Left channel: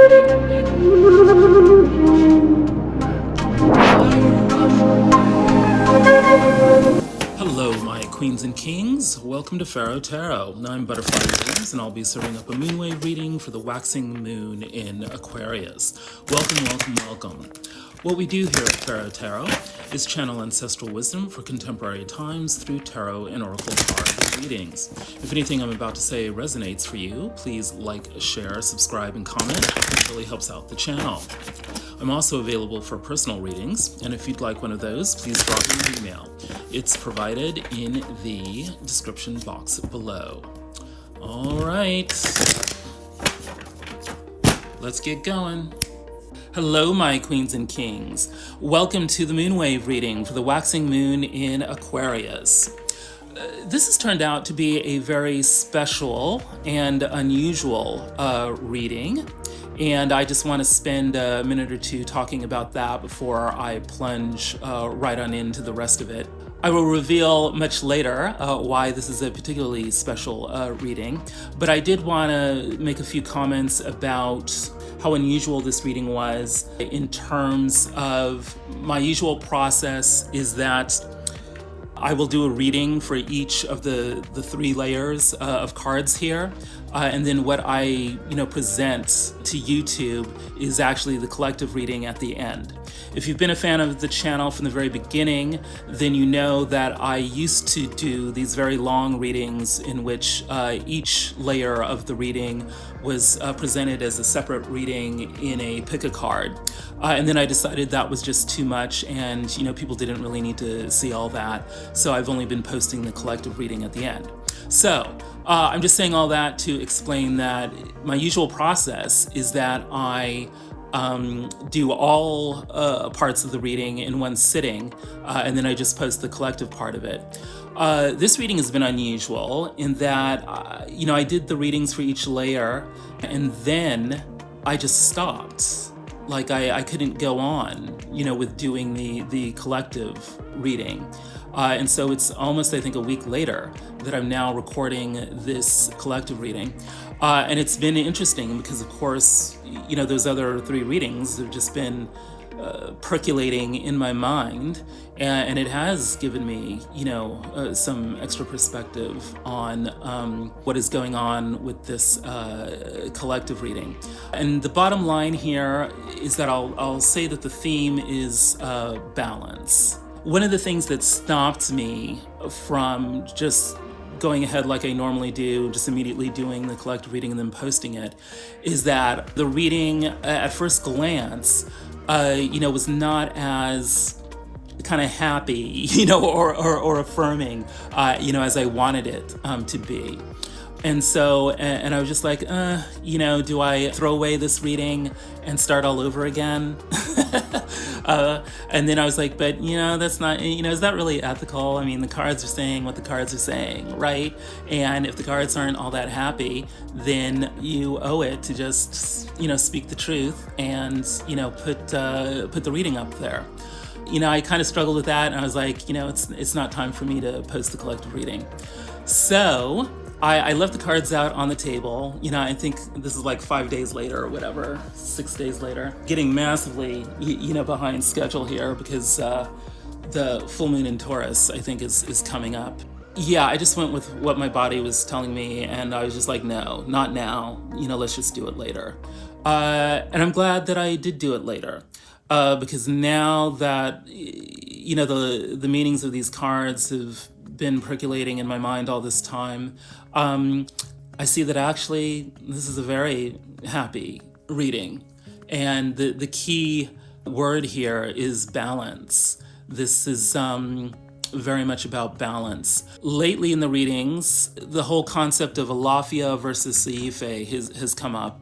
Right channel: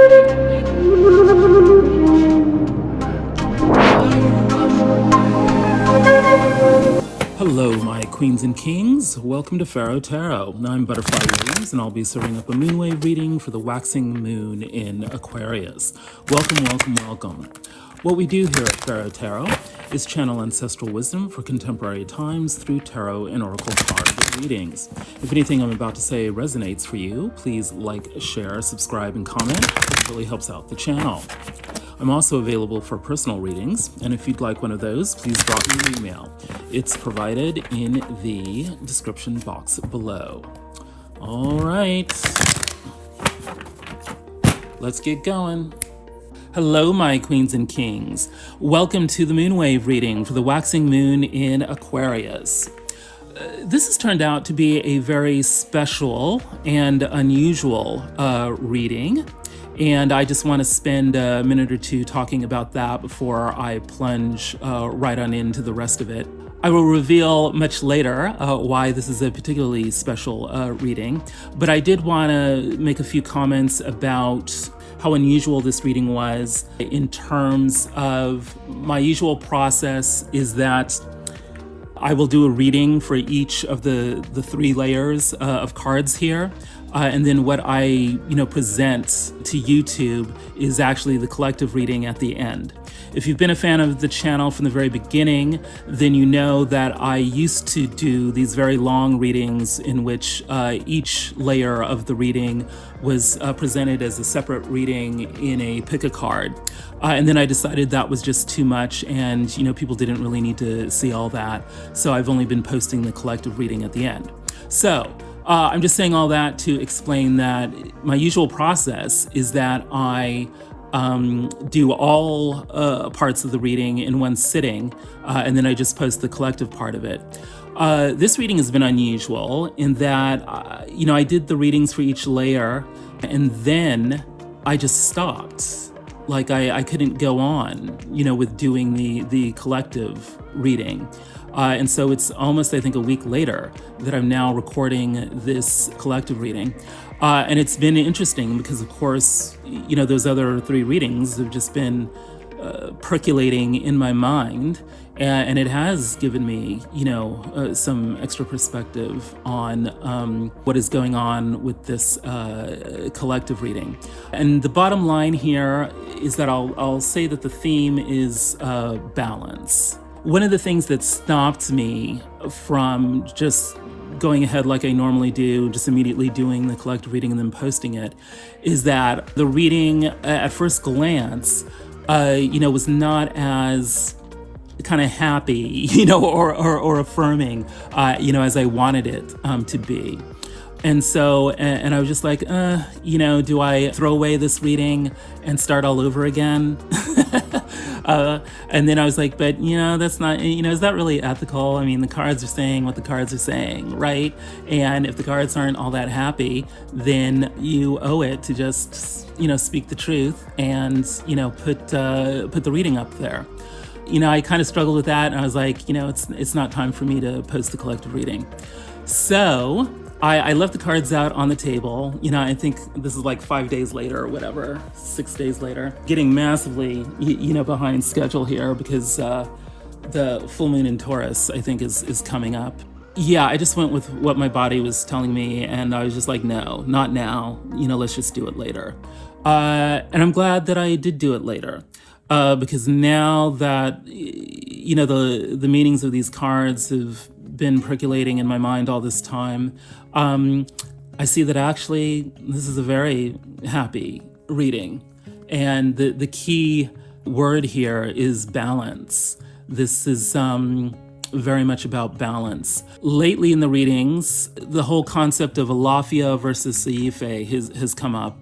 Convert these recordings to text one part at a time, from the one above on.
Hello, my queens and kings. Welcome to Pharaoh Tarot. I'm Butterfly Wings, and I'll be serving up a moonwave reading for the waxing moon in Aquarius. Welcome, welcome, welcome. What we do here at Pharaoh Tarot is channel ancestral wisdom for contemporary times through tarot and oracle card readings. If anything I'm about to say resonates for you, please like, share, subscribe, and comment. It really helps out the channel. I'm also available for personal readings, and if you'd like one of those, please drop me an email. It's provided in the description box below. All right, let's get going. Hello, my queens and kings. Welcome to the moonwave reading for the waxing moon in Aquarius. This has turned out to be a very special and unusual reading. And I just want to spend a minute or two talking about that before I plunge right on into the rest of it. I will reveal much later why this is a particularly special reading, but I did want to make a few comments about how unusual this reading was. In terms of my usual process is that I will do a reading for each of the three layers of cards here. And then what I present to YouTube is actually the collective reading at the end. If you've been a fan of the channel from the very beginning, then you know that I used to do these very long readings in which each layer of the reading was presented as a separate reading in a pick a card. And then I decided that was just too much, and people didn't really need to see all that. So I've only been posting the collective reading at the end. So I'm just saying all that to explain that my usual process is that I do all parts of the reading in one sitting, and then I just post the collective part of it. This reading has been unusual in that, I did the readings for each layer, and then I just stopped. Like I couldn't go on, with doing the collective reading. And so it's almost, I think, a week later that I'm now recording this collective reading. And it's been interesting because, of course, those other three readings have just been percolating in my mind. And it has given me, some extra perspective on what is going on with this collective reading. And the bottom line here is that I'll say that the theme is balance. One of the things that stopped me from just going ahead like I normally do, just immediately doing the collective reading and then posting it, is that the reading at first glance, was not as kind of happy, or affirming, as I wanted it to be. And so, and I was just like, do I throw away this reading and start all over again? And then I was like, but, that's not, is that really ethical? I mean, the cards are saying what the cards are saying, right? And if the cards aren't all that happy, then you owe it to just, speak the truth and, put the reading up there. I kind of struggled with that, and I was like, it's not time for me to post the collective reading. So I left the cards out on the table. I think this is like 5 days later or whatever, 6 days later, getting massively, behind schedule here because the full moon in Taurus, I think, is coming up. Yeah, I just went with what my body was telling me, and I was just like, no, not now. Let's just do it later. And I'm glad that I did do it later. Because now that, the meanings of these cards have been percolating in my mind all this time, I see that actually this is a very happy reading. And the key word here is balance. This is very much about balance. Lately in the readings, the whole concept of Alafia versus Seife has come up.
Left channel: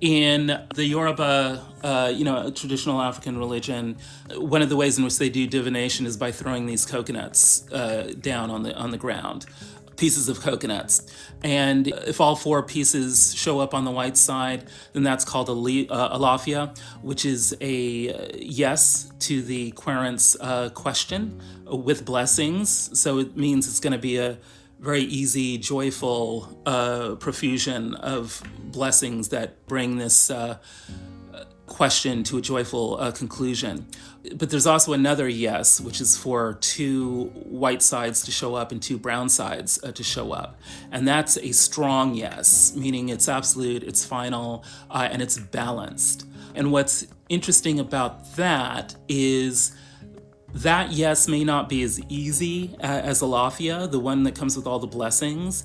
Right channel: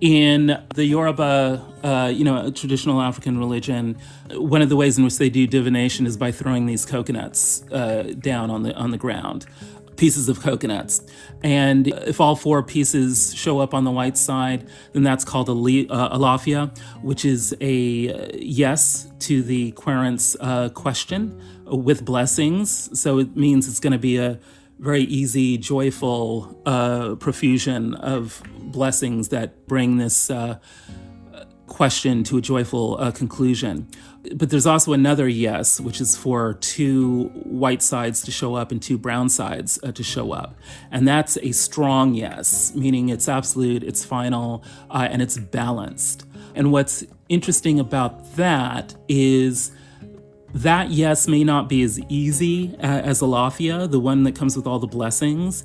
In the Yoruba, traditional African religion, one of the ways in which they do divination is by throwing these coconuts down on the ground, pieces of coconuts. And if all four pieces show up on the white side, then that's called a Alafia, which is a yes to the querent's question with blessings. So it means it's going to be a very easy, joyful profusion of blessings that bring this question to a joyful conclusion. But there's also another yes, which is for two white sides to show up and two brown sides to show up. And that's a strong yes, meaning it's absolute, it's final, and it's balanced. And what's interesting about that is that yes may not be as easy as Alafia, the one that comes with all the blessings,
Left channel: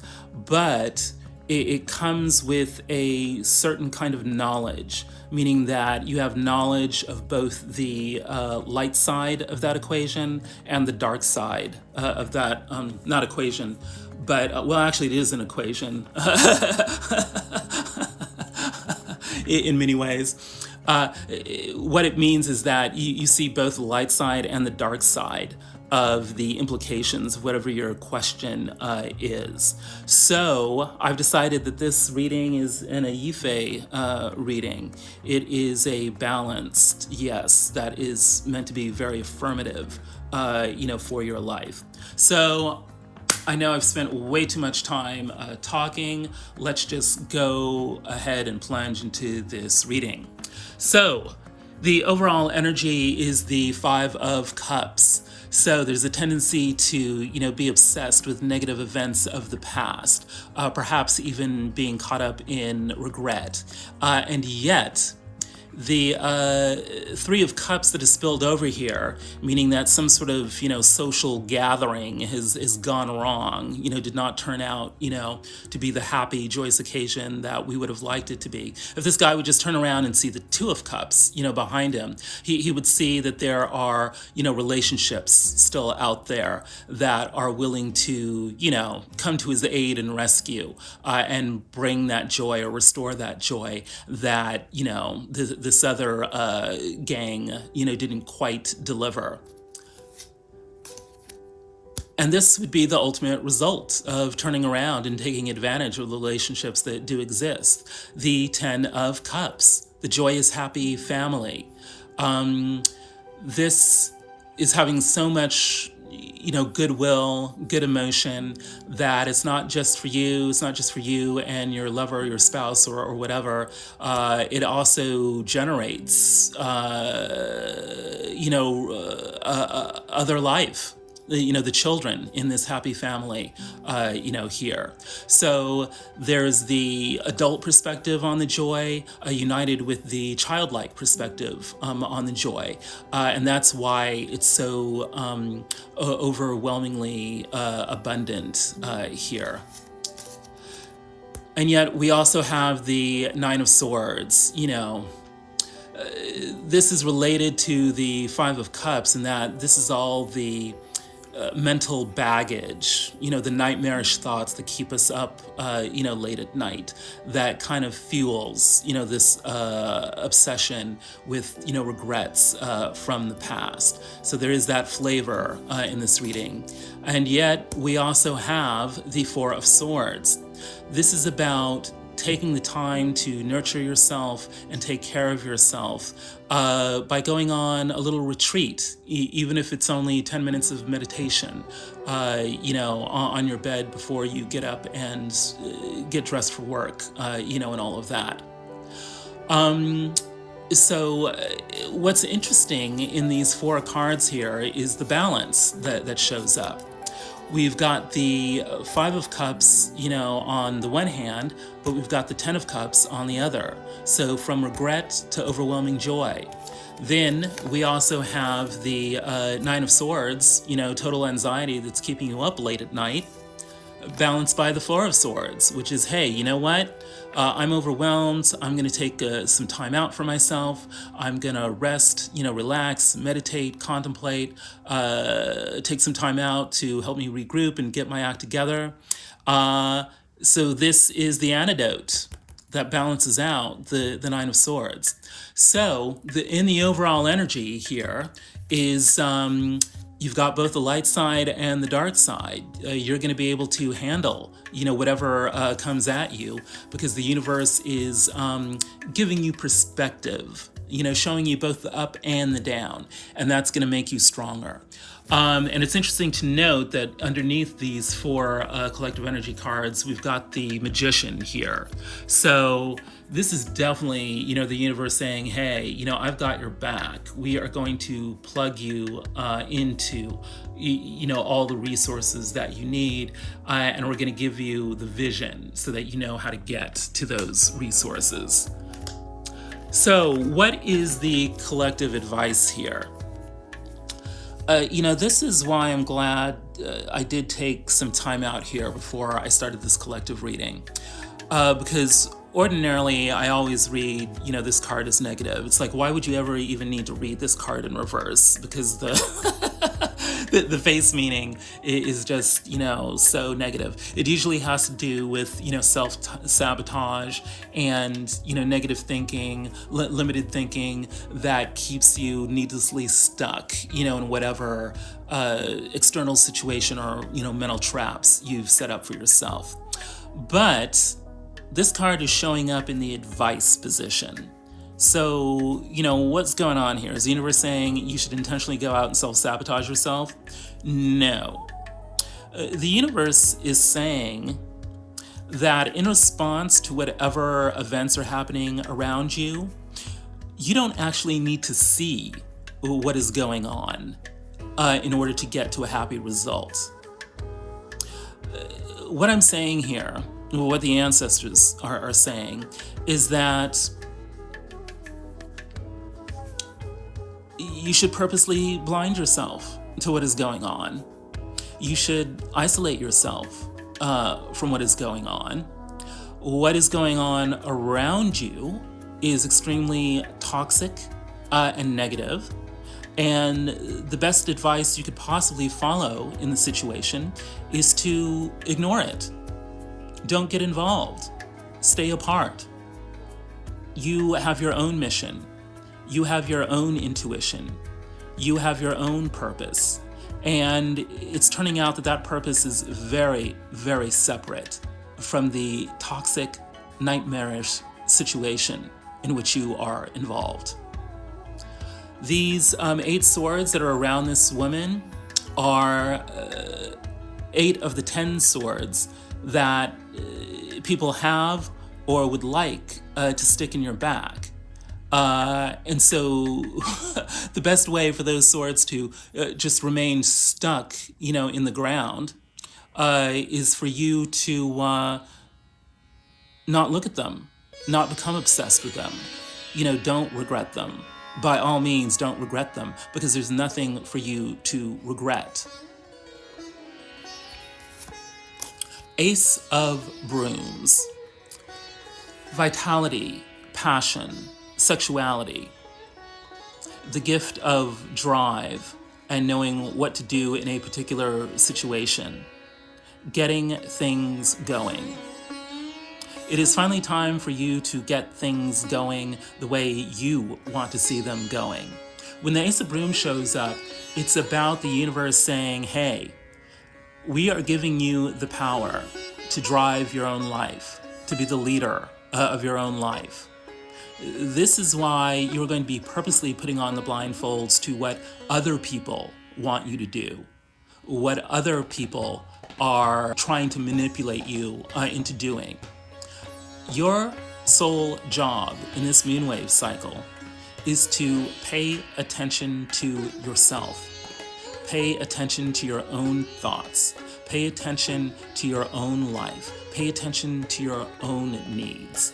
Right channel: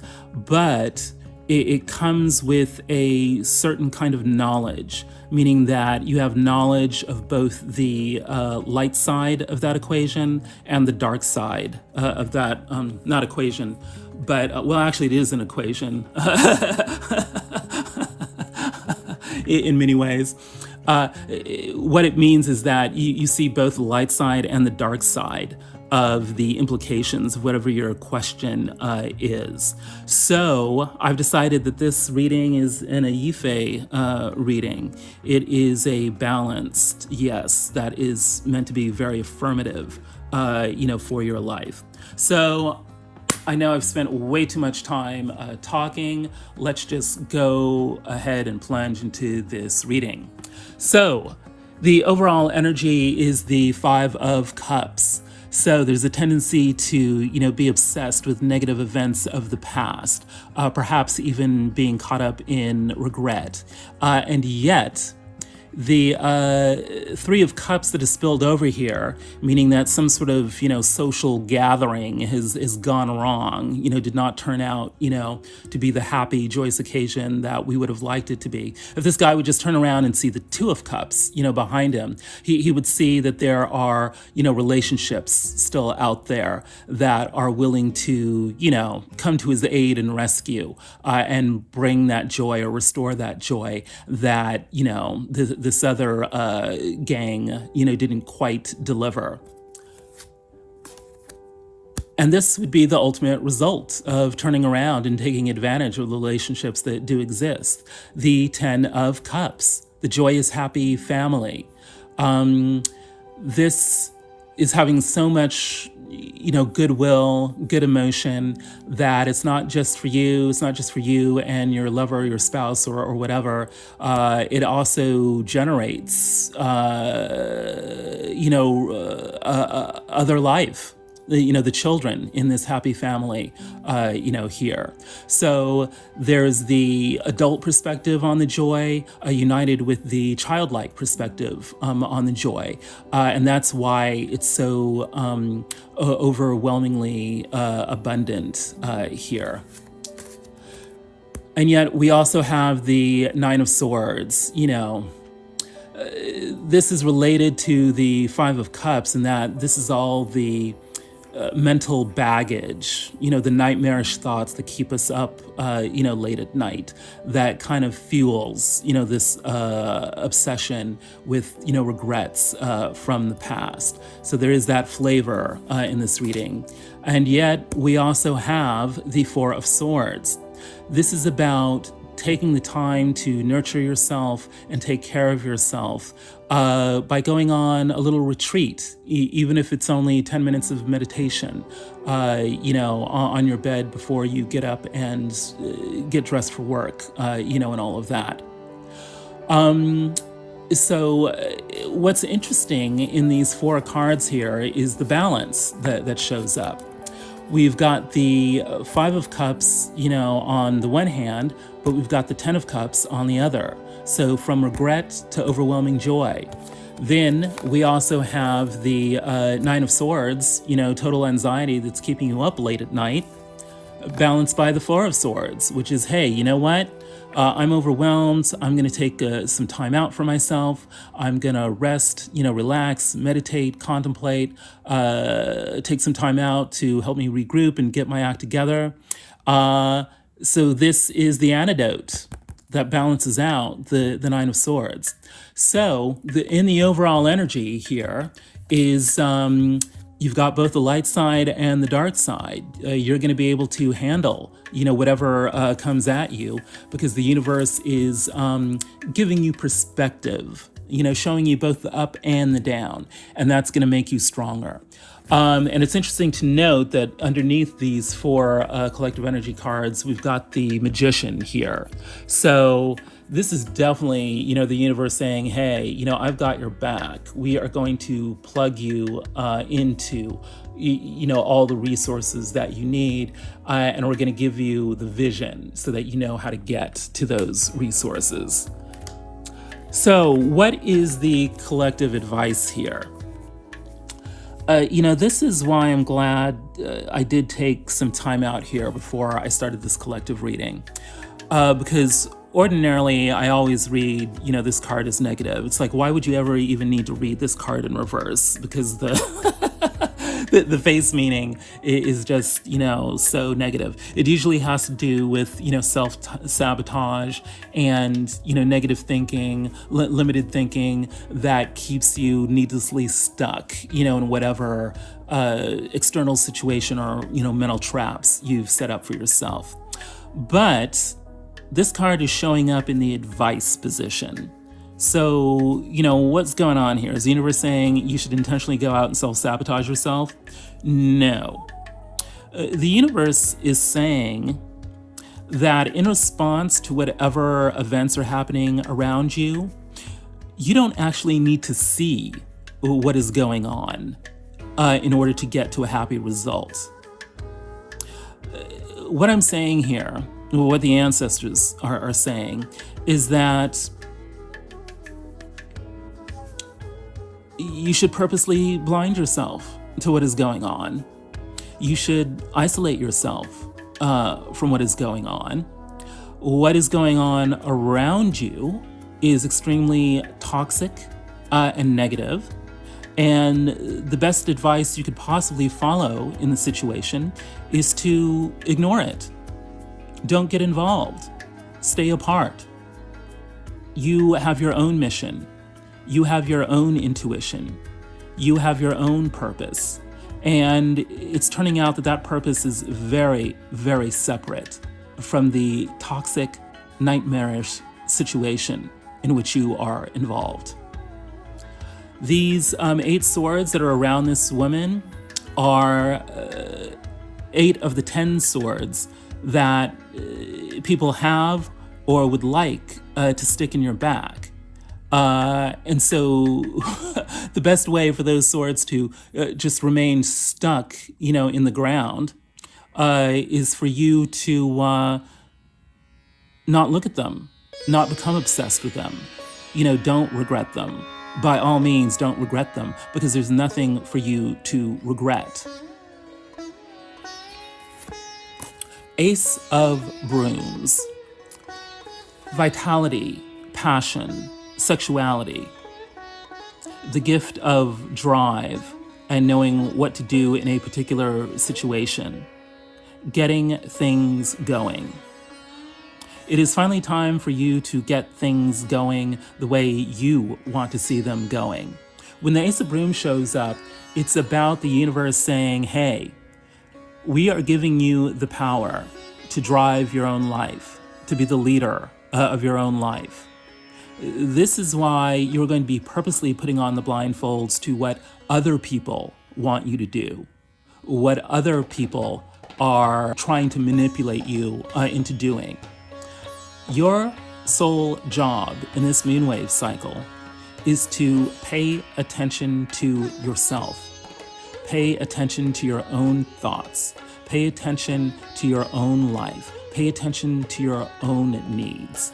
but it comes with a certain kind of knowledge, meaning that you have knowledge of both the light side of that equation and the dark side of that, not equation, but, well, actually it is an equation in many ways. What it means is that you see both the light side and the dark side of the implications of whatever your question is. So I've decided that this reading is an Ife reading. It is a balanced yes that is meant to be very affirmative, for your life. So I know I've spent way too much time talking. Let's just go ahead and plunge into this reading. So the overall energy is the Five of Cups. So there's a tendency to, be obsessed with negative events of the past, perhaps even being caught up in regret. And yet, the Three of Cups that is spilled over here, meaning that some sort of, social gathering has gone wrong, did not turn out, to be the happy, joyous occasion that we would have liked it to be. If this guy would just turn around and see the Two of Cups, behind him, he would see that there are, relationships still out there that are willing to, come to his aid and rescue and bring that joy or restore that joy that, this other gang, didn't quite deliver. And this would be the ultimate result of turning around and taking advantage of the relationships that do exist. The Ten of Cups, the joyous, happy family. This is having so much goodwill, good emotion, that it's not just for you, and your lover, your spouse, or whatever. It also generates, other life. The children in this happy family, here. So there's the adult perspective on the joy, united with the childlike perspective on the joy. And that's why it's so overwhelmingly abundant here. And yet we also have the Nine of Swords, this is related to the Five of Cups in that this is all the mental baggage, the nightmarish thoughts that keep us up, late at night, that kind of fuels, this obsession with, regrets from the past. So there is that flavor in this reading. And yet we also have the Four of Swords. This is about taking the time to nurture yourself and take care of yourself by going on a little retreat, even if it's only 10 minutes of meditation, on your bed before you get up and get dressed for work, and all of that. So what's interesting in these four cards here is the balance that shows up. We've got the Five of Cups, on the one hand, but we've got the Ten of Cups on the other. So from regret to overwhelming joy. Then we also have the Nine of Swords, total anxiety that's keeping you up late at night, balanced by the Four of Swords, which is, hey, you know what? I'm overwhelmed. I'm going to take some time out for myself. I'm going to rest, relax, meditate, contemplate, take some time out to help me regroup and get my act together. So this is the antidote that balances out the Nine of Swords. So in the overall energy here is you've got both the light side and the dark side. You're going to be able to handle, whatever comes at you, because the universe is giving you perspective showing you both the up and the down, and that's going to make you stronger. And it's interesting to note that underneath these 4 collective energy cards, we've got the Magician here. So this is definitely, the universe saying, hey, I've got your back. We are going to plug you into, all the resources that you need, and we're going to give you the vision so that you know how to get to those resources. So what is the collective advice here? This is why I'm glad I did take some time out here before I started this collective reading. Because ordinarily, I always read, this card is negative. It's like, why would you ever even need to read this card in reverse? Because the the face meaning is just, so negative. It usually has to do with, self-sabotage and, negative thinking, limited thinking that keeps you needlessly stuck, in whatever external situation or, mental traps you've set up for yourself. But this card is showing up in the advice position. So, what's going on here? Is the universe saying you should intentionally go out and self-sabotage yourself? No. The universe is saying that in response to whatever events are happening around you, you don't actually need to see what is going on in order to get to a happy result. What I'm saying here, what the ancestors are saying, is that you should purposely blind yourself to what is going on. You should isolate yourself from what is going on. What is going on around you is extremely toxic and negative. And the best advice you could possibly follow in the situation is to ignore it. Don't get involved. Stay apart. You have your own mission. You have your own intuition. You have your own purpose. And it's turning out that that purpose is very, very separate from the toxic, nightmarish situation in which you are involved. These 8 swords that are around this woman are 8 of the 10 swords that people have or would like to stick in your back. And so the best way for those swords to just remain stuck, in the ground, is for you to not look at them, not become obsessed with them. Don't regret them. By all means, don't regret them, because there's nothing for you to regret. Ace of Brooms. Vitality, passion, sexuality, the gift of drive and knowing what to do in a particular situation, getting things going. It is finally time for you to get things going the way you want to see them going. When the Ace of Brooms shows up, it's about the universe saying, hey, we are giving you the power to drive your own life, to be the leader of your own life. This is why you're going to be purposely putting on the blindfolds to what other people want you to do, what other people are trying to manipulate you into doing. Your sole job in this moonwave cycle is to pay attention to yourself. Pay attention to your own thoughts. Pay attention to your own life. Pay attention to your own needs.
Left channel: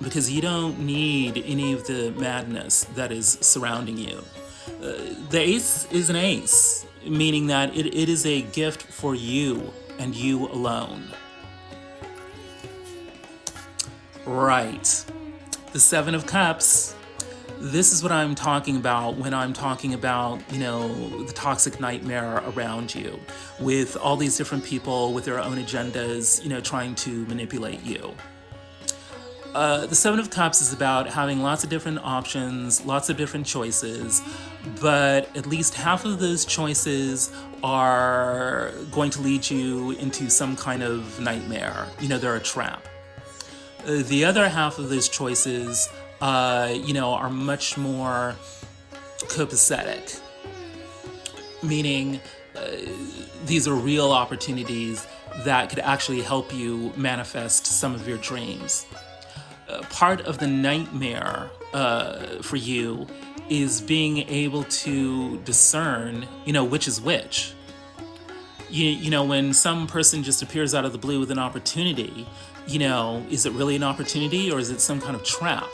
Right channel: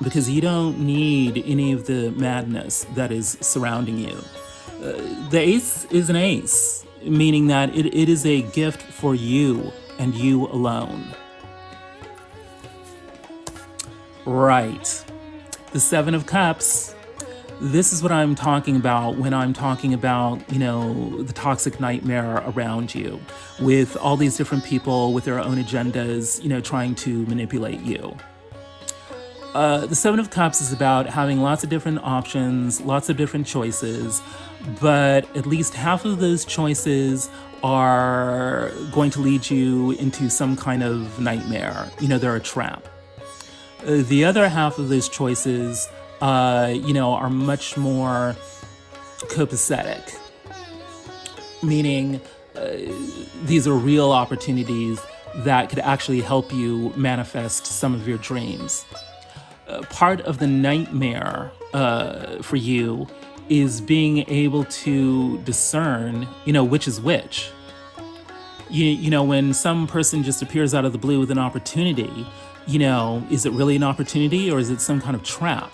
Because you don't need any of the madness that is surrounding you. The ace is an ace, meaning that it is a gift for you and you alone. Right. The Seven of Cups. This is what I'm talking about when I'm talking about, the toxic nightmare around you, with all these different people with their own agendas, trying to manipulate you. The Seven of Cups is about having lots of different options, lots of different choices, but at least half of those choices are going to lead you into some kind of nightmare. They're a trap. The other half of those choices are much more copacetic, meaning these are real opportunities that could actually help you manifest some of your dreams. Part of the nightmare for you is being able to discern, which is which. When some person just appears out of the blue with an opportunity, is it really an opportunity or is it some kind of trap?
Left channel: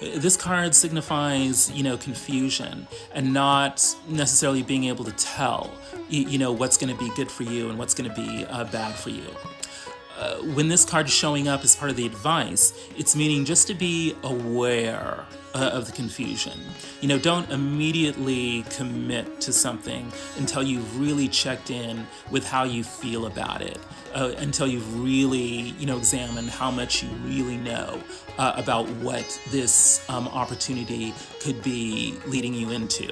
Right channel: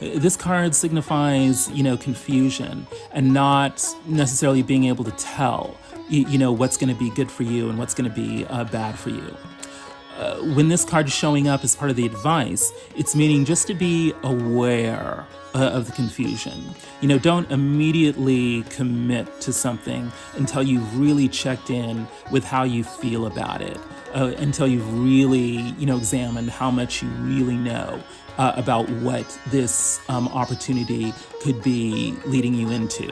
This card signifies, confusion and not necessarily being able to tell, what's going to be good for you and what's going to be bad for you. When this card is showing up as part of the advice, it's meaning just to be aware of the confusion. Don't immediately commit to something until you've really checked in with how you feel about it, until you've really, examined how much you really know about what this opportunity could be leading you into.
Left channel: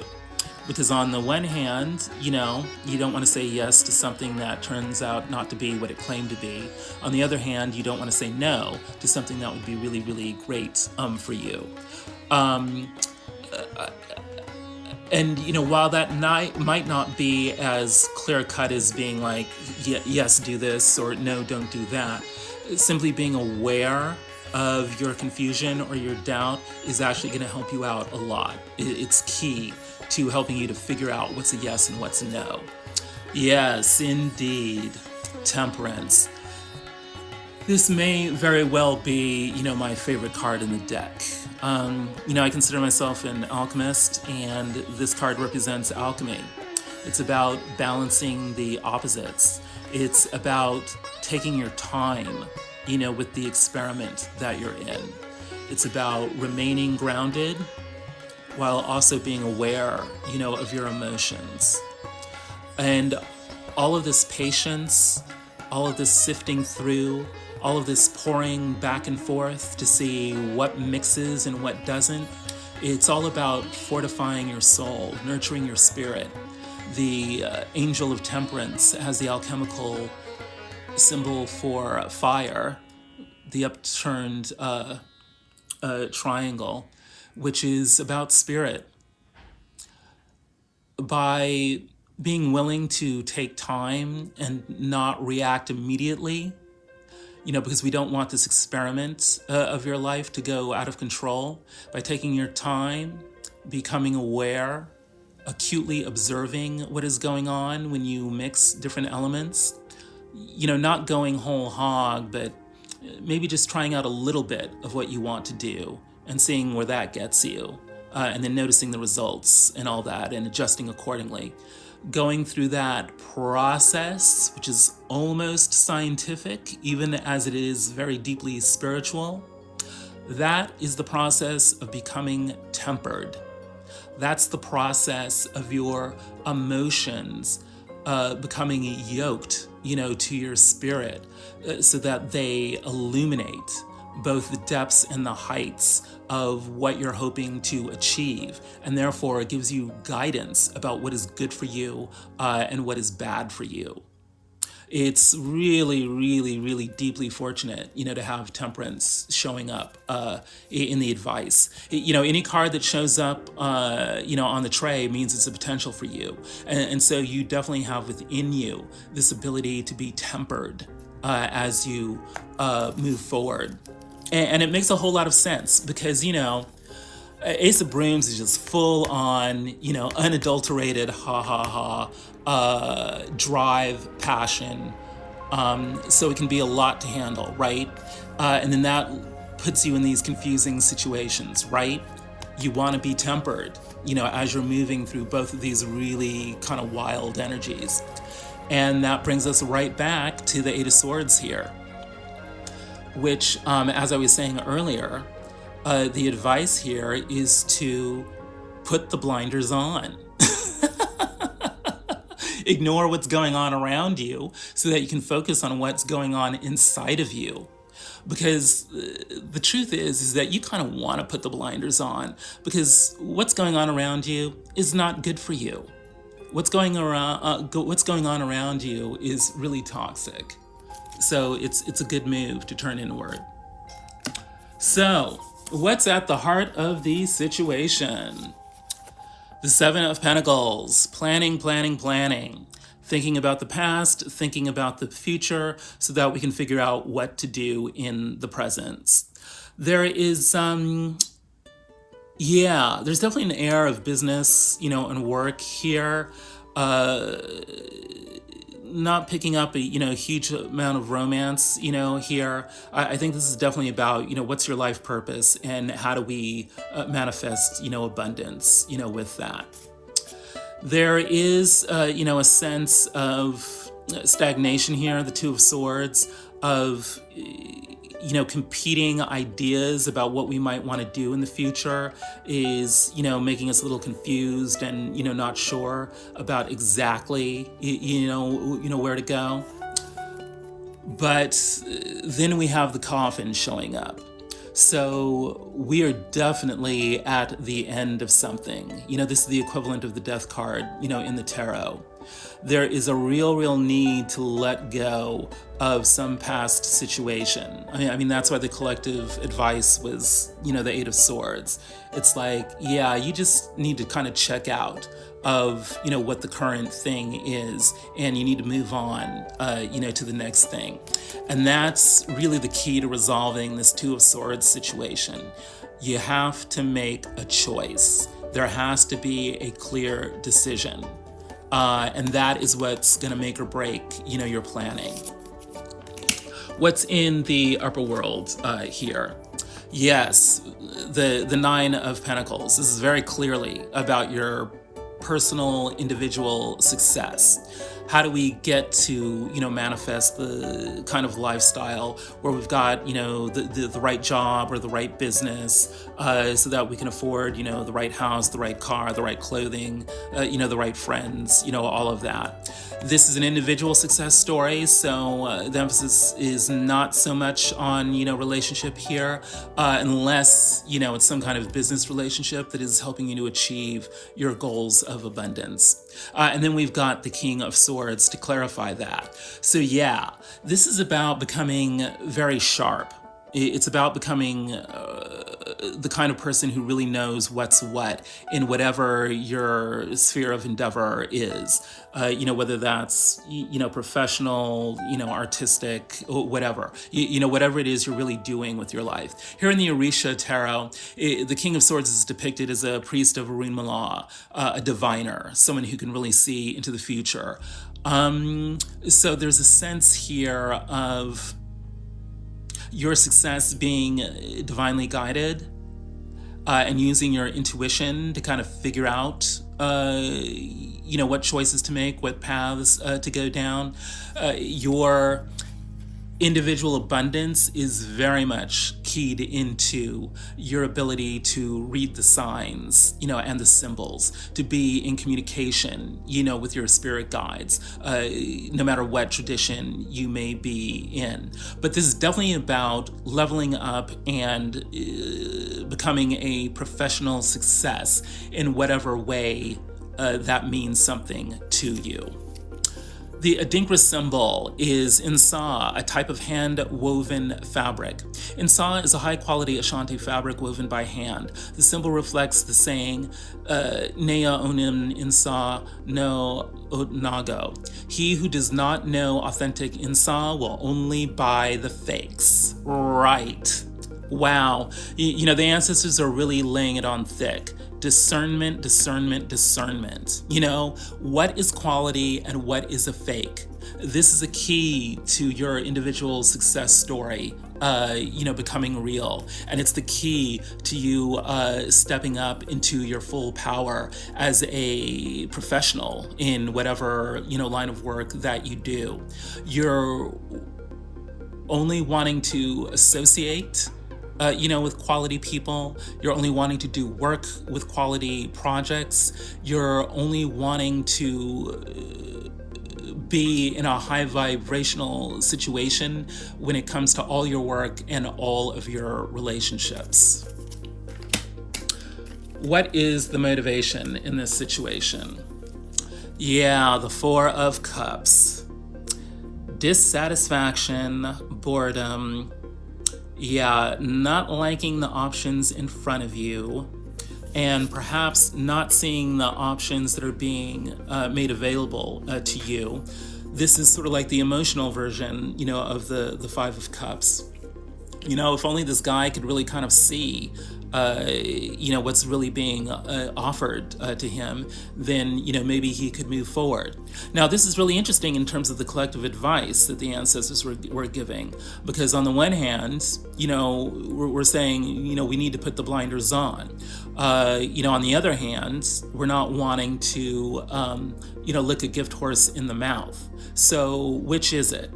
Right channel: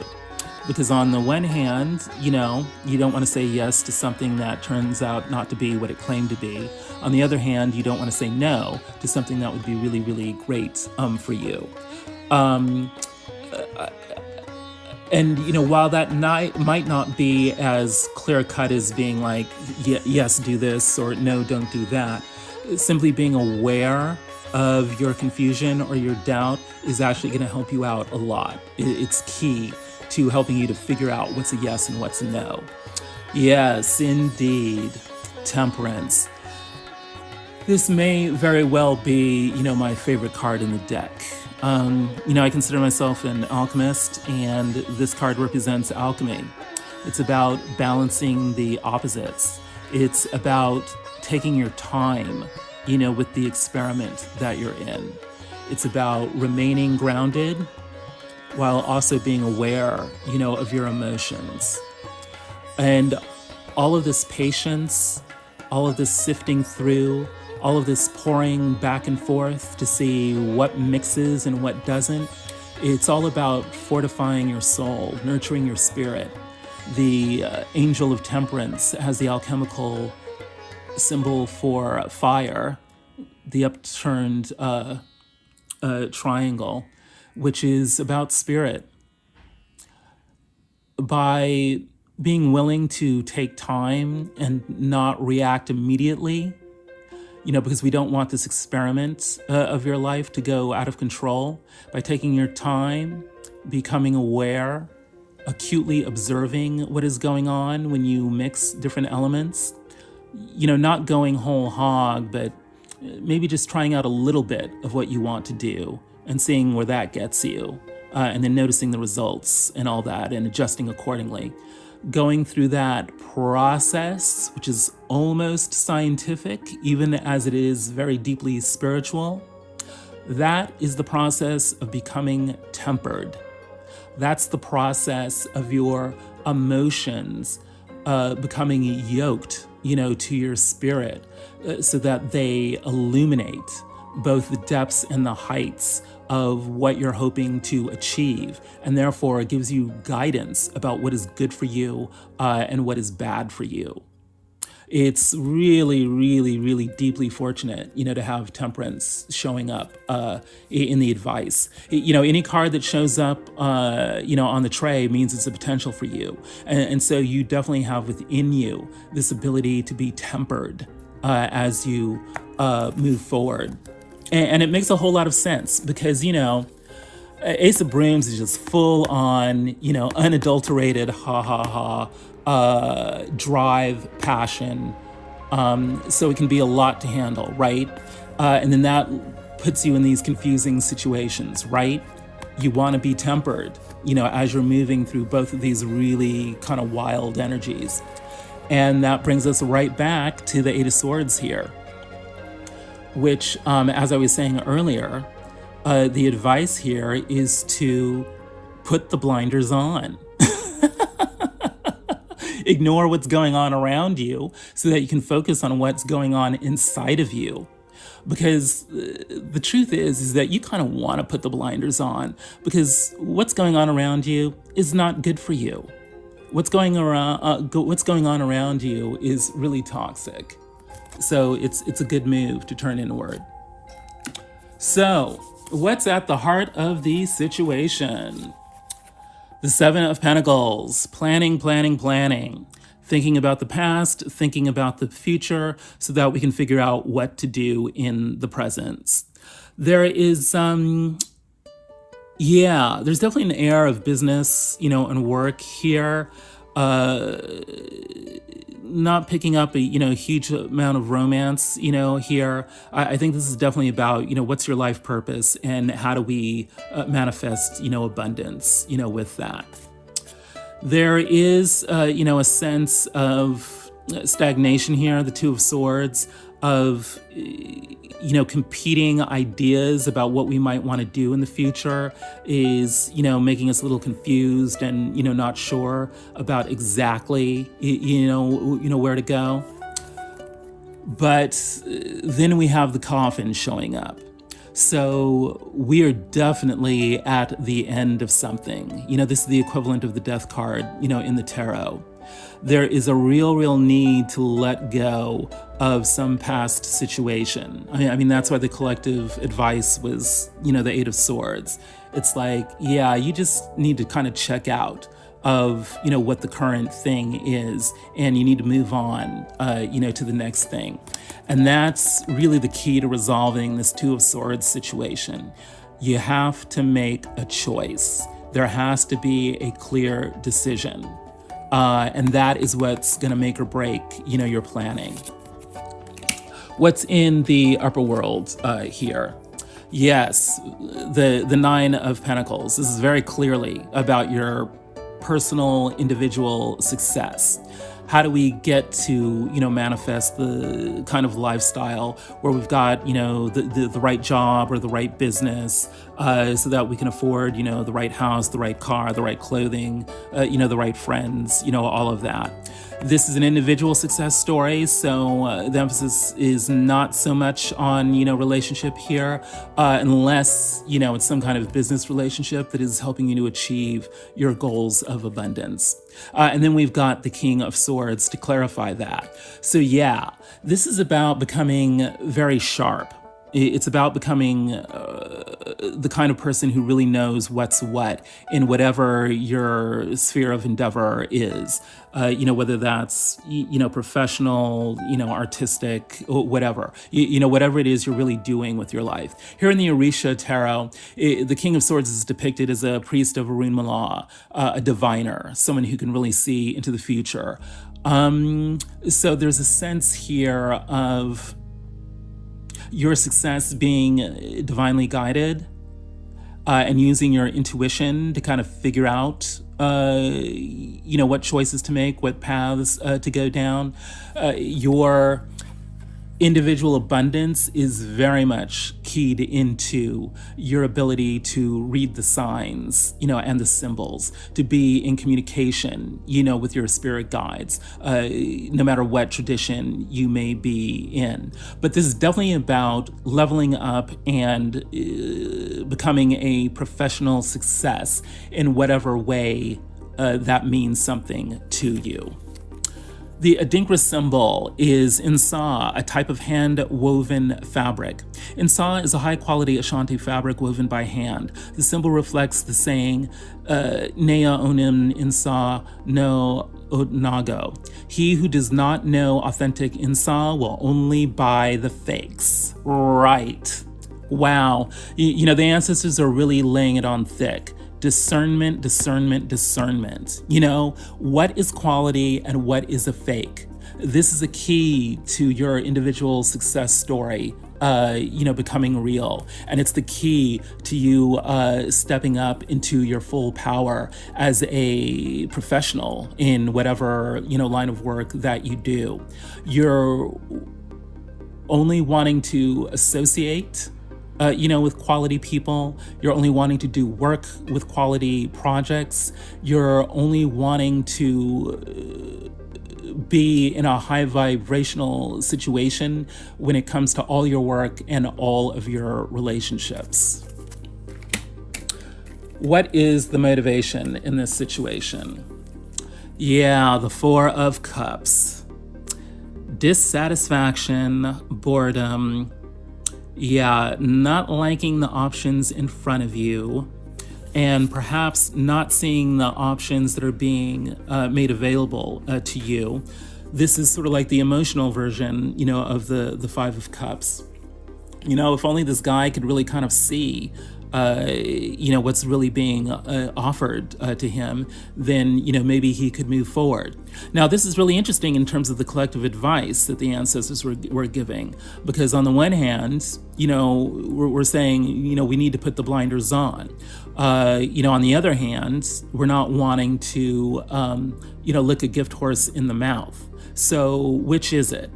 Because on the one hand, you don't want to say yes to something that turns out not to be what it claimed to be. On the other hand, you don't want to say no to something that would be really, really great for you. And, while that might not be as clear-cut as being like, yes, do this, or no, don't do that, simply being aware of your confusion or your doubt is actually going to help you out a lot. It's key to helping you to figure out what's a yes and what's a no. Yes, indeed. Temperance. This may very well be, my favorite card in the deck. I consider myself an alchemist, and this card represents alchemy. It's about balancing the opposites. It's about taking your time, with the experiment that you're in. It's about remaining grounded while also being aware, of your emotions. And all of this patience, all of this sifting through, all of this pouring back and forth to see what mixes and what doesn't, it's all about fortifying your soul, nurturing your spirit. The angel of temperance has the alchemical symbol for fire, the upturned triangle, which is about spirit. By being willing to take time and not react immediately, because we don't want this experiment of your life to go out of control, by taking your time, becoming aware, acutely observing what is going on when you mix different elements, not going whole hog, but maybe just trying out a little bit of what you want to do and seeing where that gets you, and then noticing the results and all that and adjusting accordingly. Going through that process, which is almost scientific, even as it is very deeply spiritual, that is the process of becoming tempered. That's the process of your emotions becoming yoked, to your spirit, so that they illuminate both the depths and the heights of what you're hoping to achieve, and therefore it gives you guidance about what is good for you and what is bad for you. It's really, really, really deeply fortunate, to have temperance showing up in the advice. Any card that shows up, on the tray means it's a potential for you. And so you definitely have within you this ability to be tempered as you move forward. And it makes a whole lot of sense because, Ace of Brooms is just full on, unadulterated, drive, passion. So it can be a lot to handle, right? And then that puts you in these confusing situations, right? You want to be tempered, as you're moving through both of these really kind of wild energies. And that brings us right back to the Eight of Swords here, which, as I was saying earlier, the advice here is to put the blinders on. Ignore what's going on around you so that you can focus on what's going on inside of you. Because the truth is that you kind of want to put the blinders on because what's going on around you is not good for you. What's going on around you is really toxic. So it's a good move to turn inward. So What's at the heart of the situation? The Seven of Pentacles. Planning, planning, planning. Thinking about the past, thinking about the future, so that we can figure out what to do in the present. There is, there's definitely an air of business, and work here. Not picking up a huge amount of romance here. I think this is definitely about what's your life purpose and how do we manifest abundance with that. There is a sense of stagnation here, the Two of Swords, of competing ideas about what we might want to do in the future is, making us a little confused and, not sure about exactly, where to go. But then we have the coffin showing up. So we are definitely at the end of something. This is the equivalent of the death card, in the tarot. There is a real need to let go of some past situation. I mean, that's why the collective advice was, the Eight of Swords. It's like, you just need to kind of check out of, what the current thing is, and you need to move on, to the next thing. And that's really the key to resolving this Two of Swords situation. You have to make a choice. There has to be a clear decision. And that is what's going to make or break, your planning. What's in the upper world here? Yes, the Nine of Pentacles. This is very clearly about your personal, individual success. How do we get to, manifest the kind of lifestyle where we've got, the right job or the right business, so that we can afford, the right house, the right car, the right clothing, the right friends, all of that. This is an individual success story, so the emphasis is not so much on, relationship here, unless, it's some kind of business relationship that is helping you to achieve your goals of abundance. And then we've got the King of Swords to clarify that. So this is about becoming very sharp. It's about becoming the kind of person who really knows what's what in whatever your sphere of endeavor is. Whether that's, professional, artistic, whatever, whatever it is you're really doing with your life. Here in the Orisha Tarot, the King of Swords is depicted as a priest of Arun Mala, a diviner, someone who can really see into the future. So there's a sense here of your success being divinely guided, and using your intuition to kind of figure out, what choices to make, what paths to go down. Your individual abundance is very much keyed into your ability to read the signs, and the symbols, to be in communication, with your spirit guides, no matter what tradition you may be in. But this is definitely about leveling up and becoming a professional success in whatever way that means something to you. The Adinkra symbol is Insa, a type of hand-woven fabric. Insa is a high-quality Ashanti fabric woven by hand. The symbol reflects the saying, Nea onim Insa no Onago. He who does not know authentic Insa will only buy the fakes. Right. Wow. The ancestors are really laying it on thick. Discernment, discernment, discernment. What is quality and what is a fake? This is a key to your individual success story, becoming real. And it's the key to you stepping up into your full power as a professional in whatever, line of work that you do. You're only wanting to associate with quality people. You're only wanting to do work with quality projects. You're only wanting to be in a high vibrational situation when it comes to all your work and all of your relationships. What is the motivation in this situation? The Four of Cups. Dissatisfaction, boredom, Yeah, not liking the options in front of you, and perhaps not seeing the options that are being made available to you. This is sort of like the emotional version, of the Five of Cups. If only this guy could really kind of see, what's really being offered to him, then, maybe he could move forward. Now, this is really interesting in terms of the collective advice that the ancestors were giving, because on the one hand, we're saying, we need to put the blinders on. On the other hand, we're not wanting to, lick a gift horse in the mouth. So which is it?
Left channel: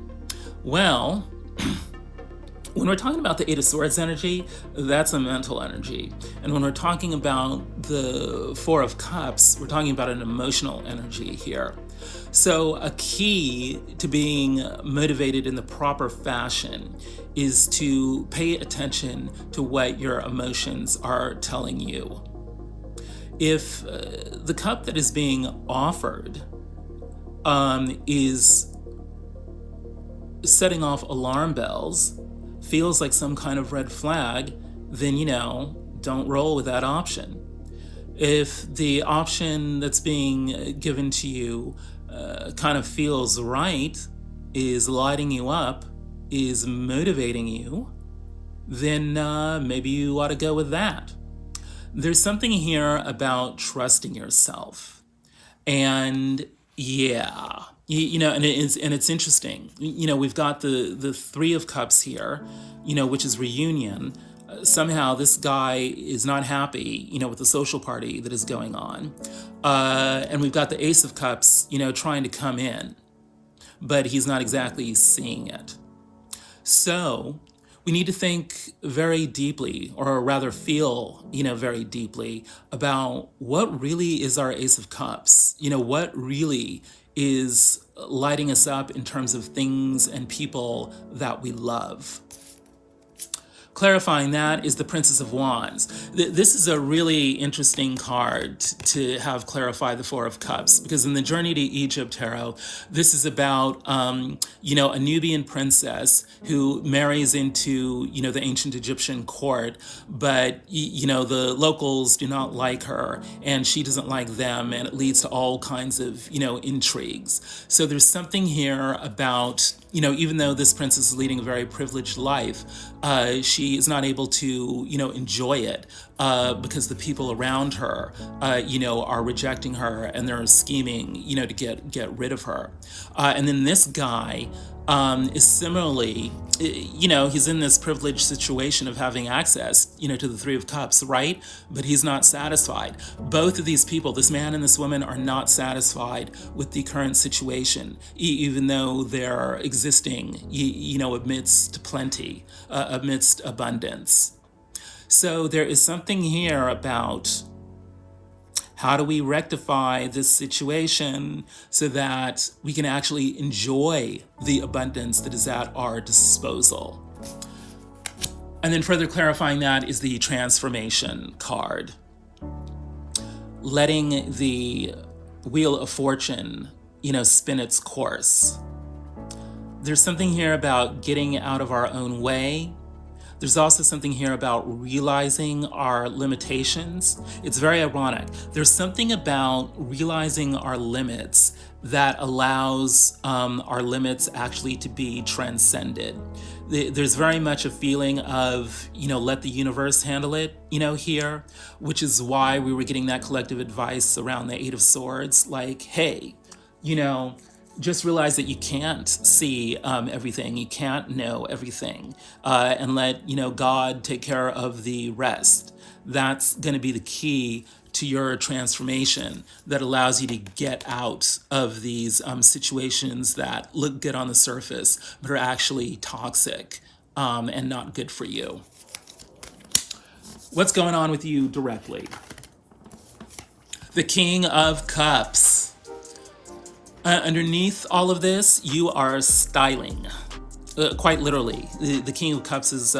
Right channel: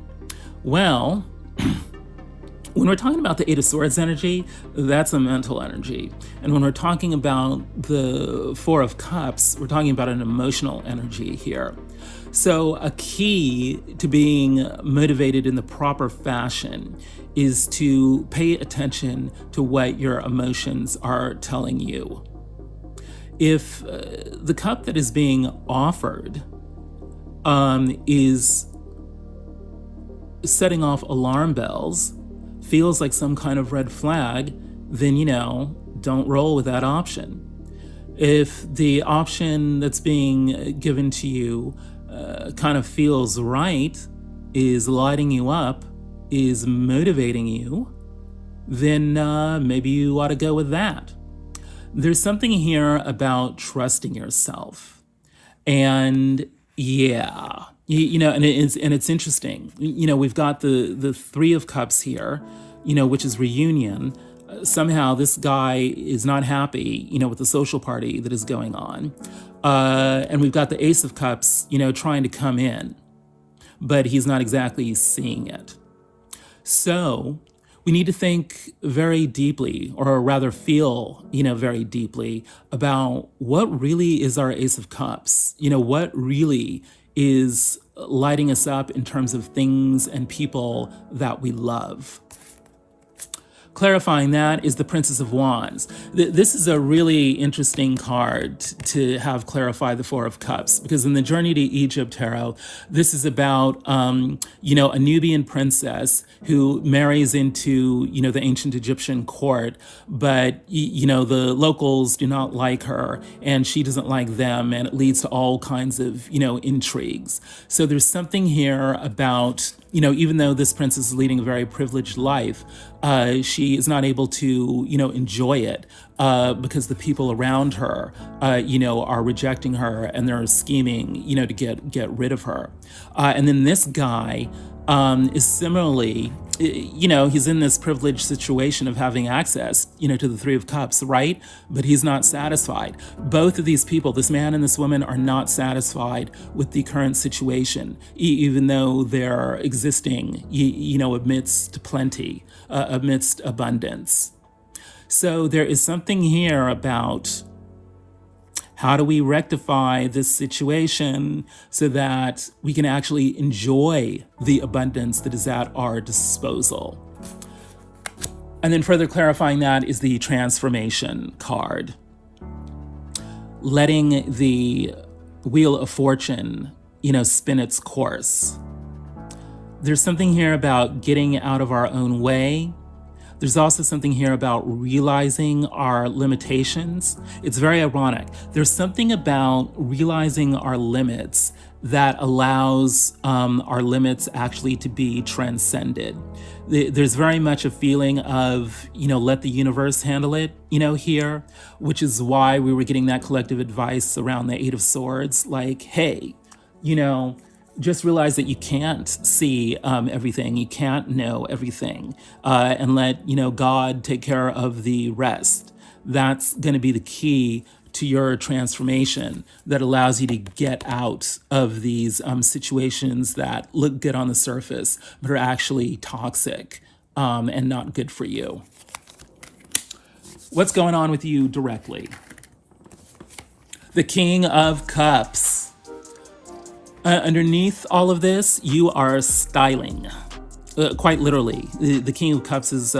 Well, when we're talking about the Eight of Swords energy, that's a mental energy. And when we're talking about the Four of Cups, we're talking about an emotional energy here. So a key to being motivated in the proper fashion is to pay attention to what your emotions are telling you. If the cup that is being offered is setting off alarm bells, feels like some kind of red flag, then, don't roll with that option. If the option that's being given to you kind of feels right, is lighting you up, is motivating you, then maybe you ought to go with that. There's something here about trusting yourself. And yeah, and it's interesting. We've got the Three of Cups here, which is reunion. Somehow this guy is not happy, with the social party that is going on. And we've got the Ace of Cups, trying to come in, but he's not exactly seeing it. So we need to think very deeply, or rather feel, very deeply about what really is our Ace of Cups. What really is lighting us up in terms of things and people that we love. Clarifying that is the Princess of Wands. This is a really interesting card to have clarify the Four of Cups, because in the Journey to Egypt tarot, this is about, a Nubian princess who marries into, the ancient Egyptian court, but, the locals do not like her and she doesn't like them, and it leads to all kinds of, intrigues. So there's something here about, even though this princess is leading a very privileged life, she is not able to, enjoy it because the people around her, are rejecting her and they're scheming, to get rid of her. And then this guy is similarly, he's in this privileged situation of having access, to the Three of Cups, right? But he's not satisfied. Both of these people, this man and this woman, are not satisfied with the current situation, even though they're existing, amidst plenty, amidst abundance. So there is something here about how do we rectify this situation so that we can actually enjoy the abundance that is at our disposal. And then further clarifying that is the transformation card. Letting the Wheel of Fortune, spin its course. There's something here about getting out of our own way. There's also something here about realizing our limitations. It's very ironic. There's something about realizing our limits that allows our limits actually to be transcended. There's very much a feeling of, let the universe handle it, here, which is why we were getting that collective advice around the Eight of Swords. Like, hey, just realize that you can't see everything, you can't know everything, and let God take care of the rest. That's going to be the key to your transformation that allows you to get out of these situations that look good on the surface but are actually toxic and not good for you. What's going on with you directly? The King of Cups. Underneath all of this, you are styling. Quite literally. The King of Cups is,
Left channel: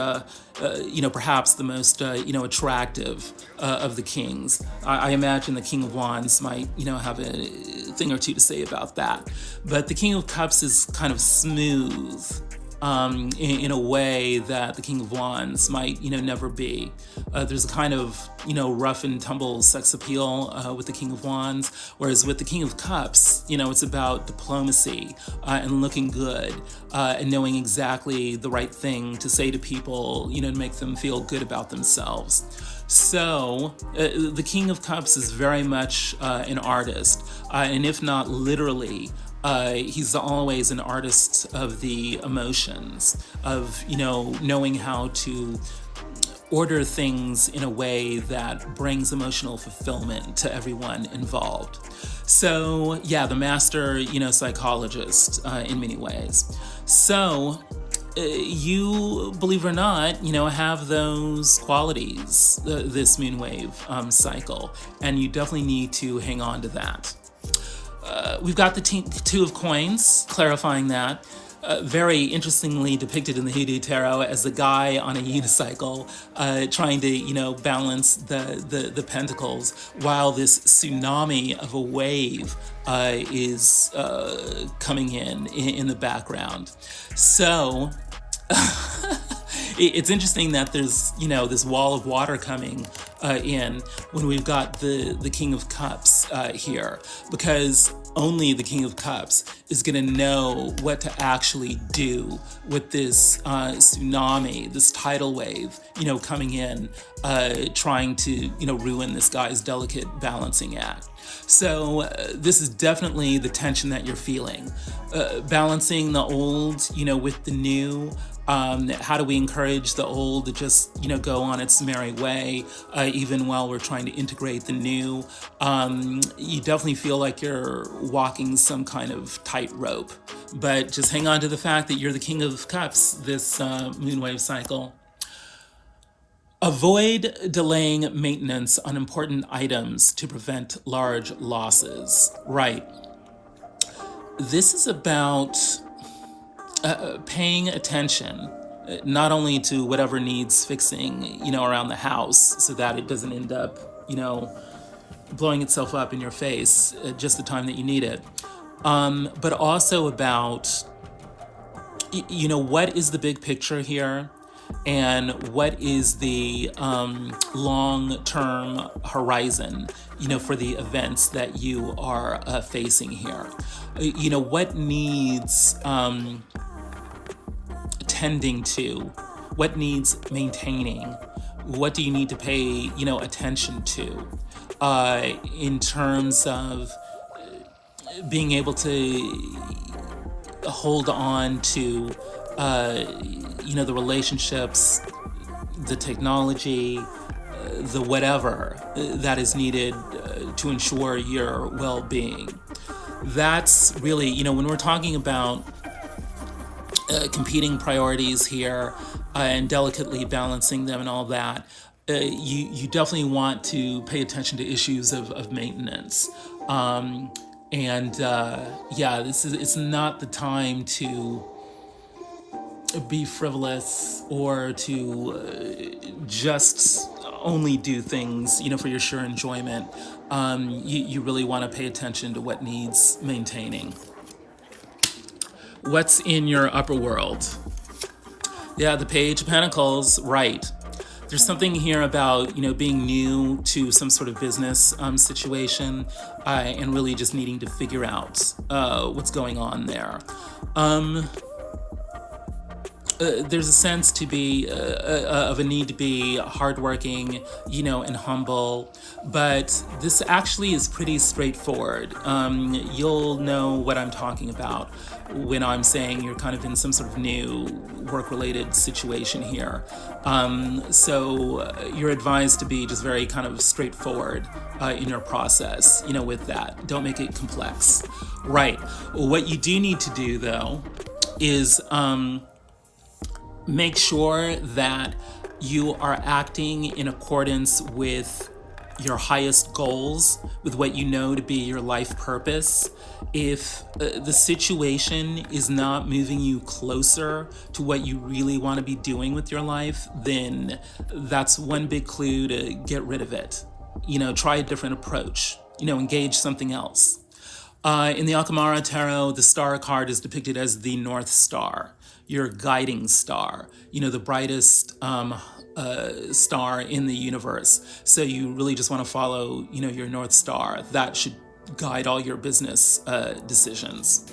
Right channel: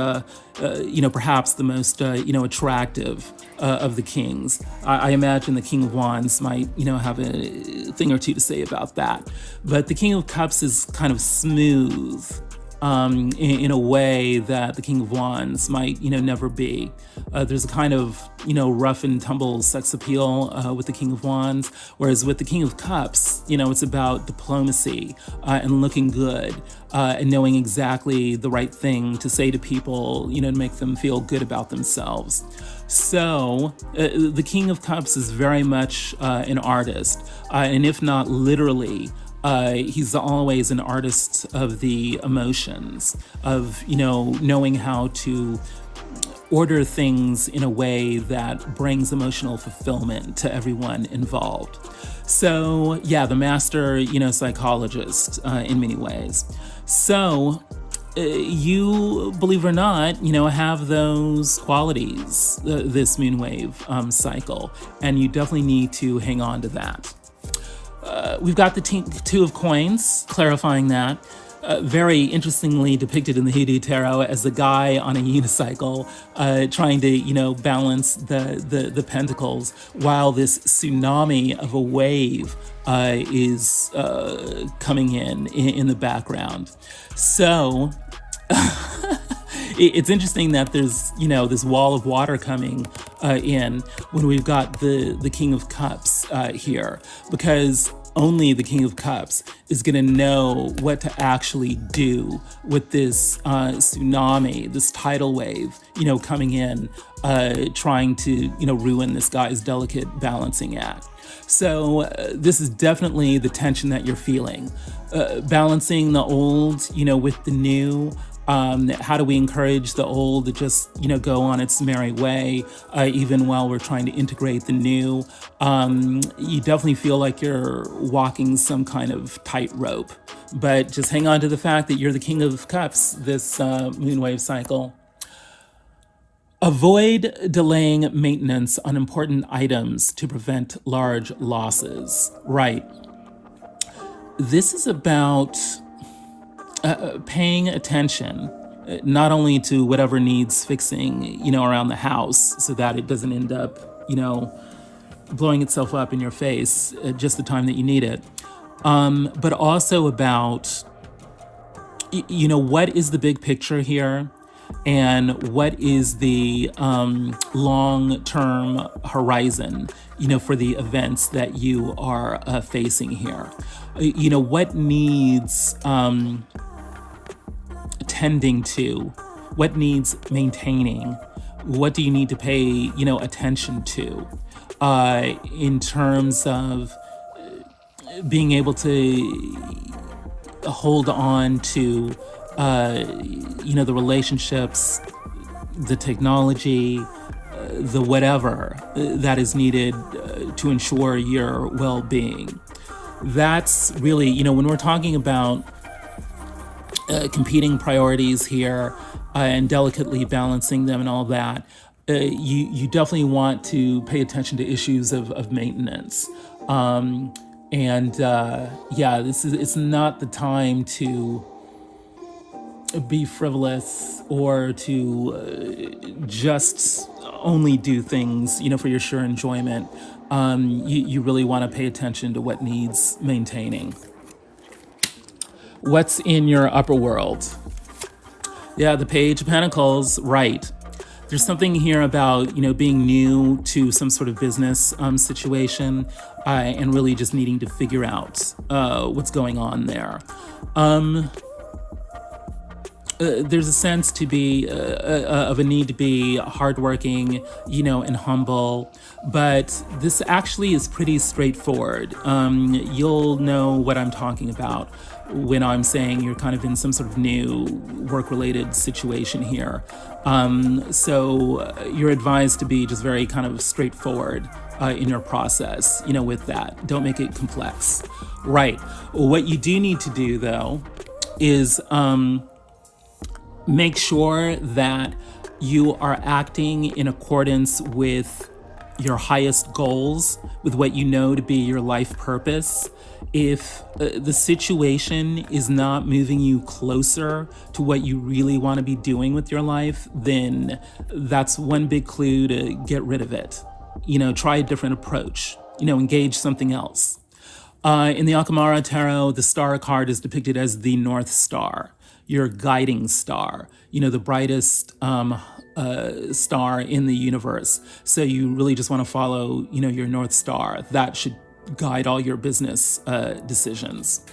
perhaps the most, attractive of the kings. I imagine the King of Wands might, have a thing or two to say about that. But the King of Cups is kind of smooth. in a way that the King of Wands might, never be. There's a kind of, rough and tumble sex appeal with the King of Wands, whereas with the King of Cups, it's about diplomacy and looking good and knowing exactly the right thing to say to people, to make them feel good about themselves. So the King of Cups is very much an artist, and if not literally, he's always an artist of the emotions, of, knowing how to order things in a way that brings emotional fulfillment to everyone involved. So, yeah, the master, psychologist in many ways. So, you, believe it or not, have those qualities, this moonwave cycle, and you definitely need to hang on to that. We've got the Two of Coins, clarifying that. Very interestingly depicted in the Hoodoo Tarot as a guy on a unicycle trying to, balance the pentacles while this tsunami of a wave is coming in the background. So it's interesting that there's, this wall of water coming in when we've got the King of Cups here, because only the King of Cups is going to know what to actually do with this tsunami, this tidal wave, coming in, trying to, ruin this guy's delicate balancing act. So this is definitely the tension that you're feeling. Balancing the old, with the new. How do we encourage the old to just, go on its merry way, even while we're trying to integrate the new? You definitely feel like you're walking some kind of tightrope, but just hang on to the fact that you're the King of Cups this moonwave cycle. Avoid delaying maintenance on important items to prevent large losses. Right. This is about paying attention not only to whatever needs fixing, around the house so that it doesn't end up, blowing itself up in your face at just the time that you need it, but also about, what is the big picture here and what is the long-term horizon, for the events that you are facing here. What needs tending to, what needs maintaining, what do you need to pay, attention to in terms of being able to hold on to, the relationships, the technology, the whatever that is needed to ensure your well-being. That's really, when we're talking about competing priorities here and delicately balancing them and all that, you definitely want to pay attention to issues of maintenance. It's not the time to be frivolous or to just only do things, for your sure enjoyment. You really want to pay attention to what needs maintaining. What's in your upper world? Yeah, the Page of Pentacles, right. There's something here about, being new to some sort of business situation and really just needing to figure out what's going on there. There's a sense to be of a need to be hardworking, and humble, but this actually is pretty straightforward. You'll know what I'm talking about when I'm saying you're kind of in some sort of new work-related situation here. So you're advised to be just very kind of straightforward in your process, with that. Don't make it complex. Right. What you do need to do, though, is make sure that you are acting in accordance with your highest goals, with what you know to be your life purpose. If the situation is not moving you closer to what you really want to be doing with your life, then that's one big clue to get rid of it. Try a different approach, engage something else. In the Akamara Tarot, the star card is depicted as the North Star, your guiding star, the brightest star in the universe. So you really just want to follow, your North Star. That should guide all your business decisions.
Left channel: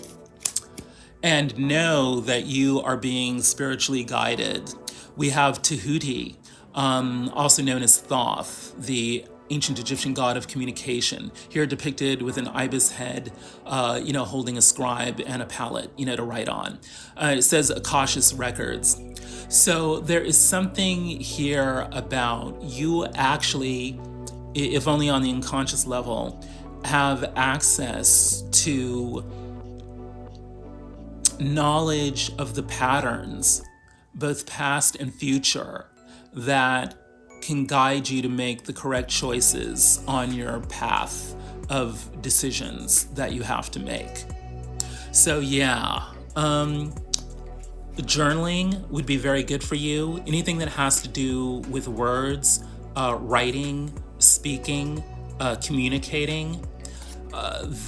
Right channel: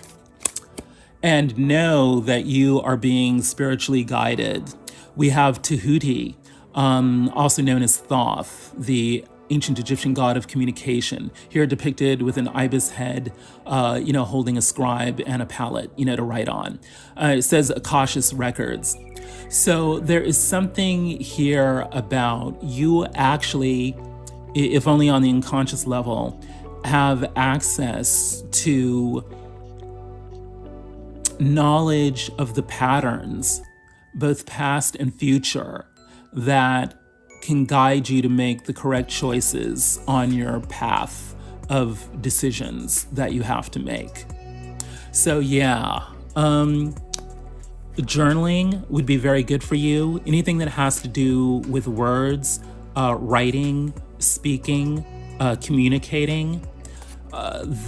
And know that you are being spiritually guided. We have Tahuti, also known as Thoth, the ancient Egyptian god of communication, here depicted with an ibis head, holding a scribe and a palette, to write on. It says Akashic records. So there is something here about you actually, if only on the unconscious level, have access to knowledge of the patterns, both past and future, that can guide you to make the correct choices on your path of decisions that you have to make. So journaling would be very good for you. Anything that has to do with words, writing, speaking, communicating,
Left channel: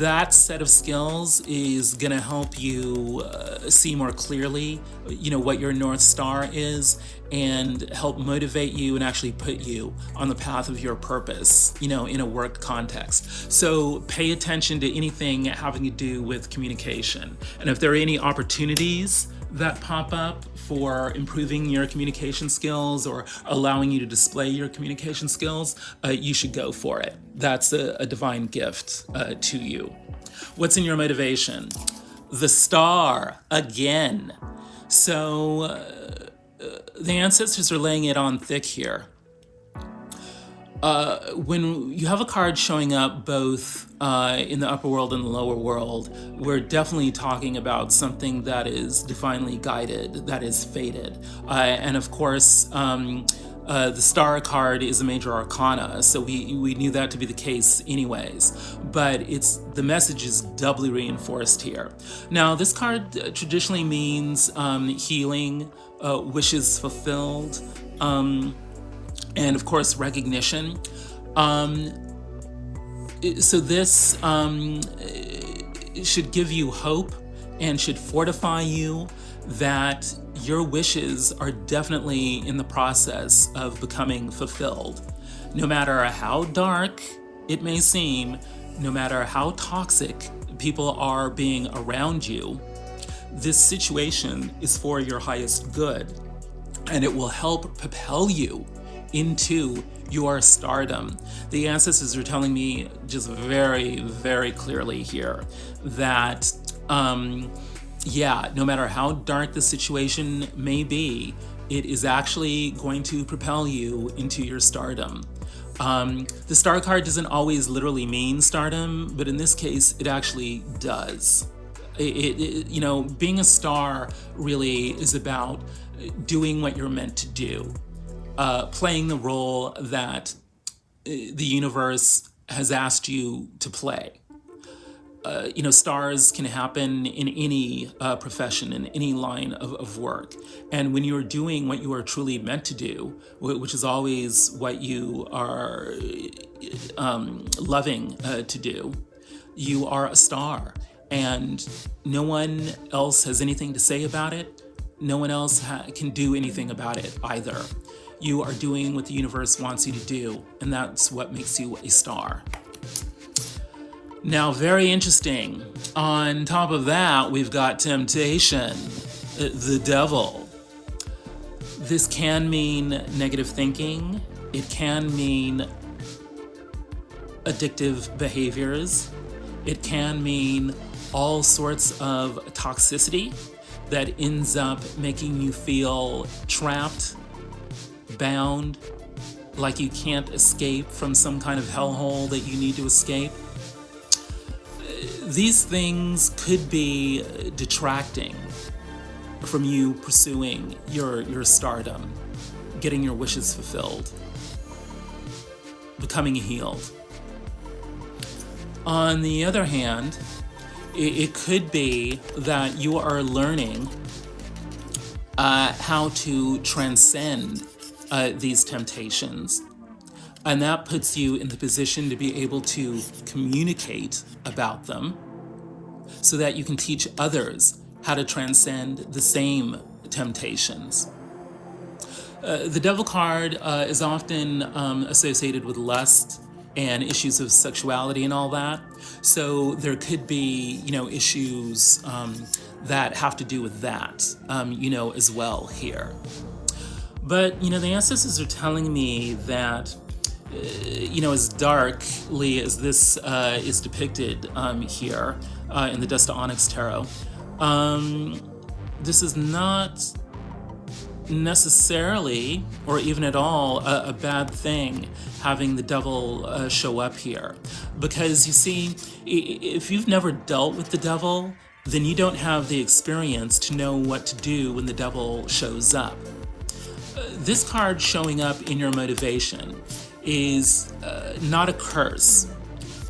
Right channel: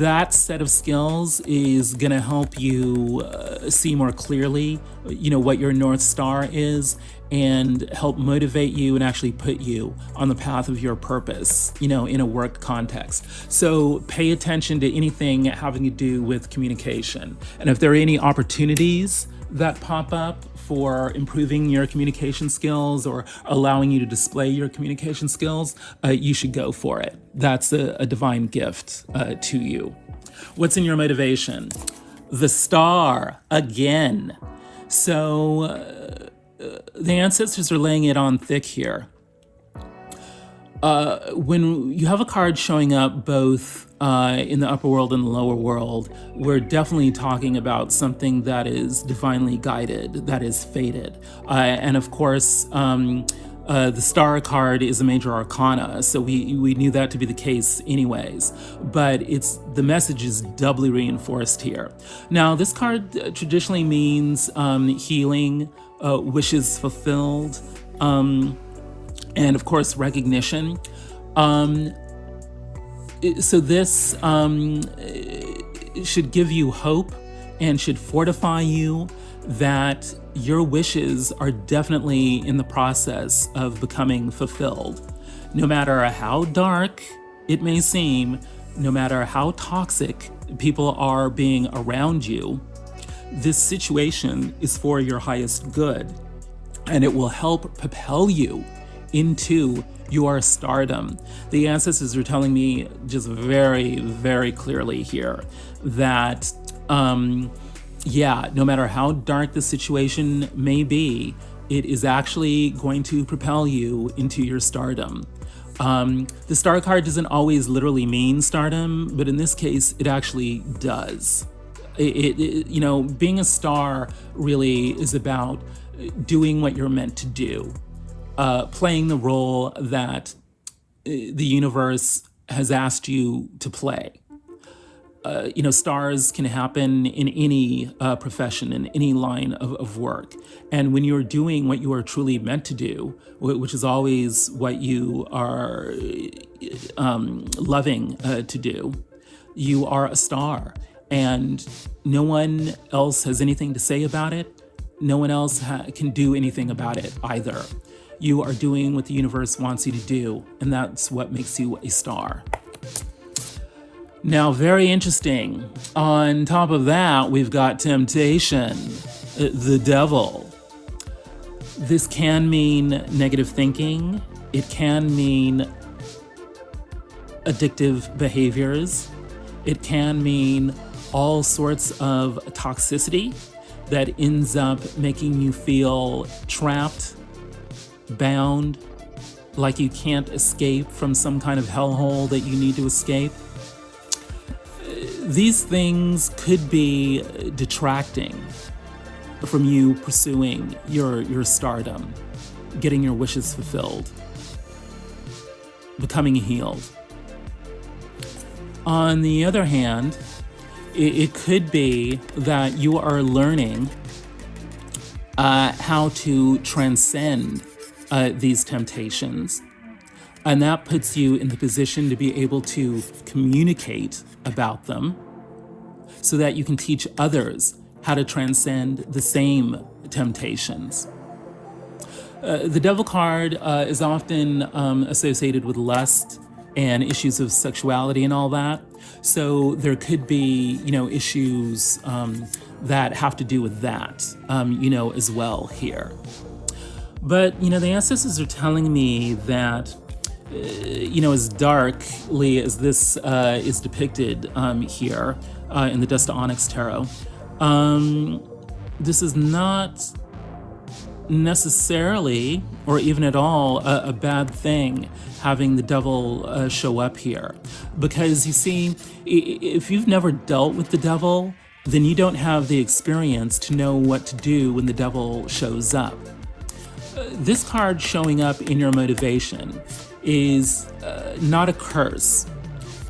that set of skills is going to help you see more clearly, what your North Star is, and help motivate you and actually put you on the path of your purpose, in a work context. So pay attention to anything having to do with communication. And if there are any opportunities that pop up for improving your communication skills or allowing you to display your communication skills, you should go for it. That's a divine gift to you. What's in your motivation? The star, again. So the ancestors are laying it on thick here. When you have a card showing up both in the upper world and the lower world, we're definitely talking about something that is divinely guided, that is fated. And of course, the star card is a major arcana, so we knew that to be the case anyways, but the message is doubly reinforced here. Now, this card traditionally means healing, wishes fulfilled, and of course, recognition. So this should give you hope and should fortify you that your wishes are definitely in the process of becoming fulfilled. No matter how dark it may seem, no matter how toxic people are being around you, this situation is for your highest good, and it will help propel you into your stardom. The ancestors are telling me just very, very clearly here that, no matter how dark the situation may be, it is actually going to propel you into your stardom. The star card doesn't always literally mean stardom, but in this case, it actually does. Being a star really is about doing what you're meant to do. Playing the role that the universe has asked you to play. Stars can happen in any profession, in any line of work. And when you're doing what you are truly meant to do, which is always what you are loving to do, you are a star. And no one else has anything to say about it. No one else can do anything about it either. You are doing what the universe wants you to do, and that's what makes you a star. Now, very interesting. On top of that, we've got temptation, the devil. This can mean negative thinking. It can mean addictive behaviors. It can mean all sorts of toxicity that ends up making you feel trapped, bound, like you can't escape from some kind of hellhole that you need to escape. These things could be detracting from you pursuing your stardom, getting your wishes fulfilled, becoming healed. On the other hand, it could be that you are learning how to transcend these temptations. And that puts you in the position to be able to communicate about them so that you can teach others how to transcend the same temptations. The Devil card is often associated with lust and issues of sexuality and all that. So there could be, issues that have to do with that, as well here. But, the ancestors are telling me that, as darkly as this is depicted here in the Dust of Onyx Tarot, this is not necessarily, or even at all, a bad thing having the devil show up here. Because you see, if you've never dealt with the devil, then you don't have the experience to know what to do when the devil shows up. This card showing up in your motivation is not a curse.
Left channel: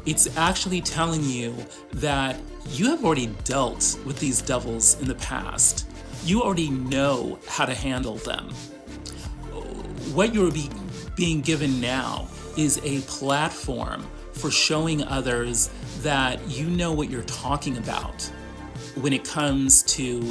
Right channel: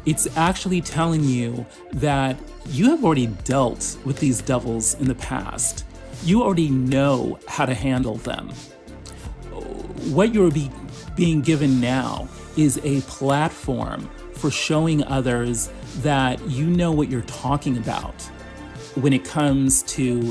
It's actually telling you that you have already dealt with these devils in the past. You already know how to handle them. What you're being given now is a platform for showing others that you know what you're talking about when it comes to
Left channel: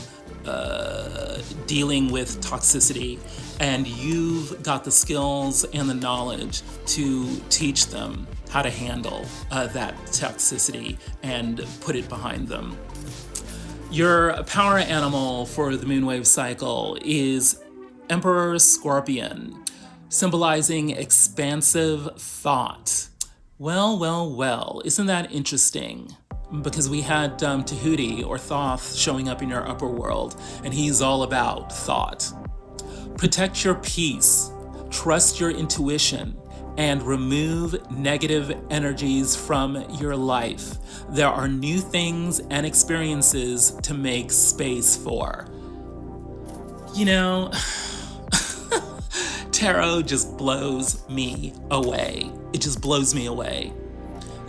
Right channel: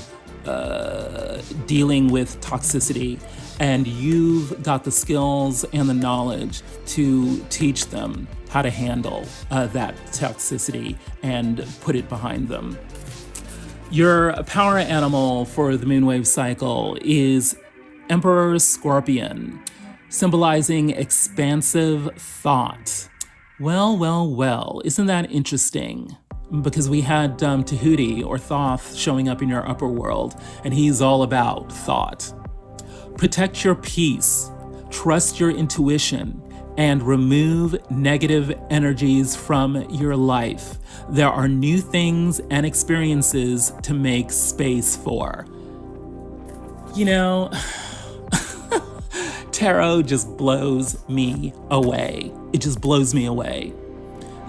dealing with toxicity, and you've got the skills and the knowledge to teach them how to handle that toxicity and put it behind them. Your power animal for the moonwave cycle is Emperor Scorpion, symbolizing expansive thought. Well, isn't that interesting? Because we had Tahuti or Thoth showing up in your upper world, and he's all about thought. Protect your peace, trust your intuition, and remove negative energies from your life. There are new things and experiences to make space for. Tarot just blows me away. It just blows me away.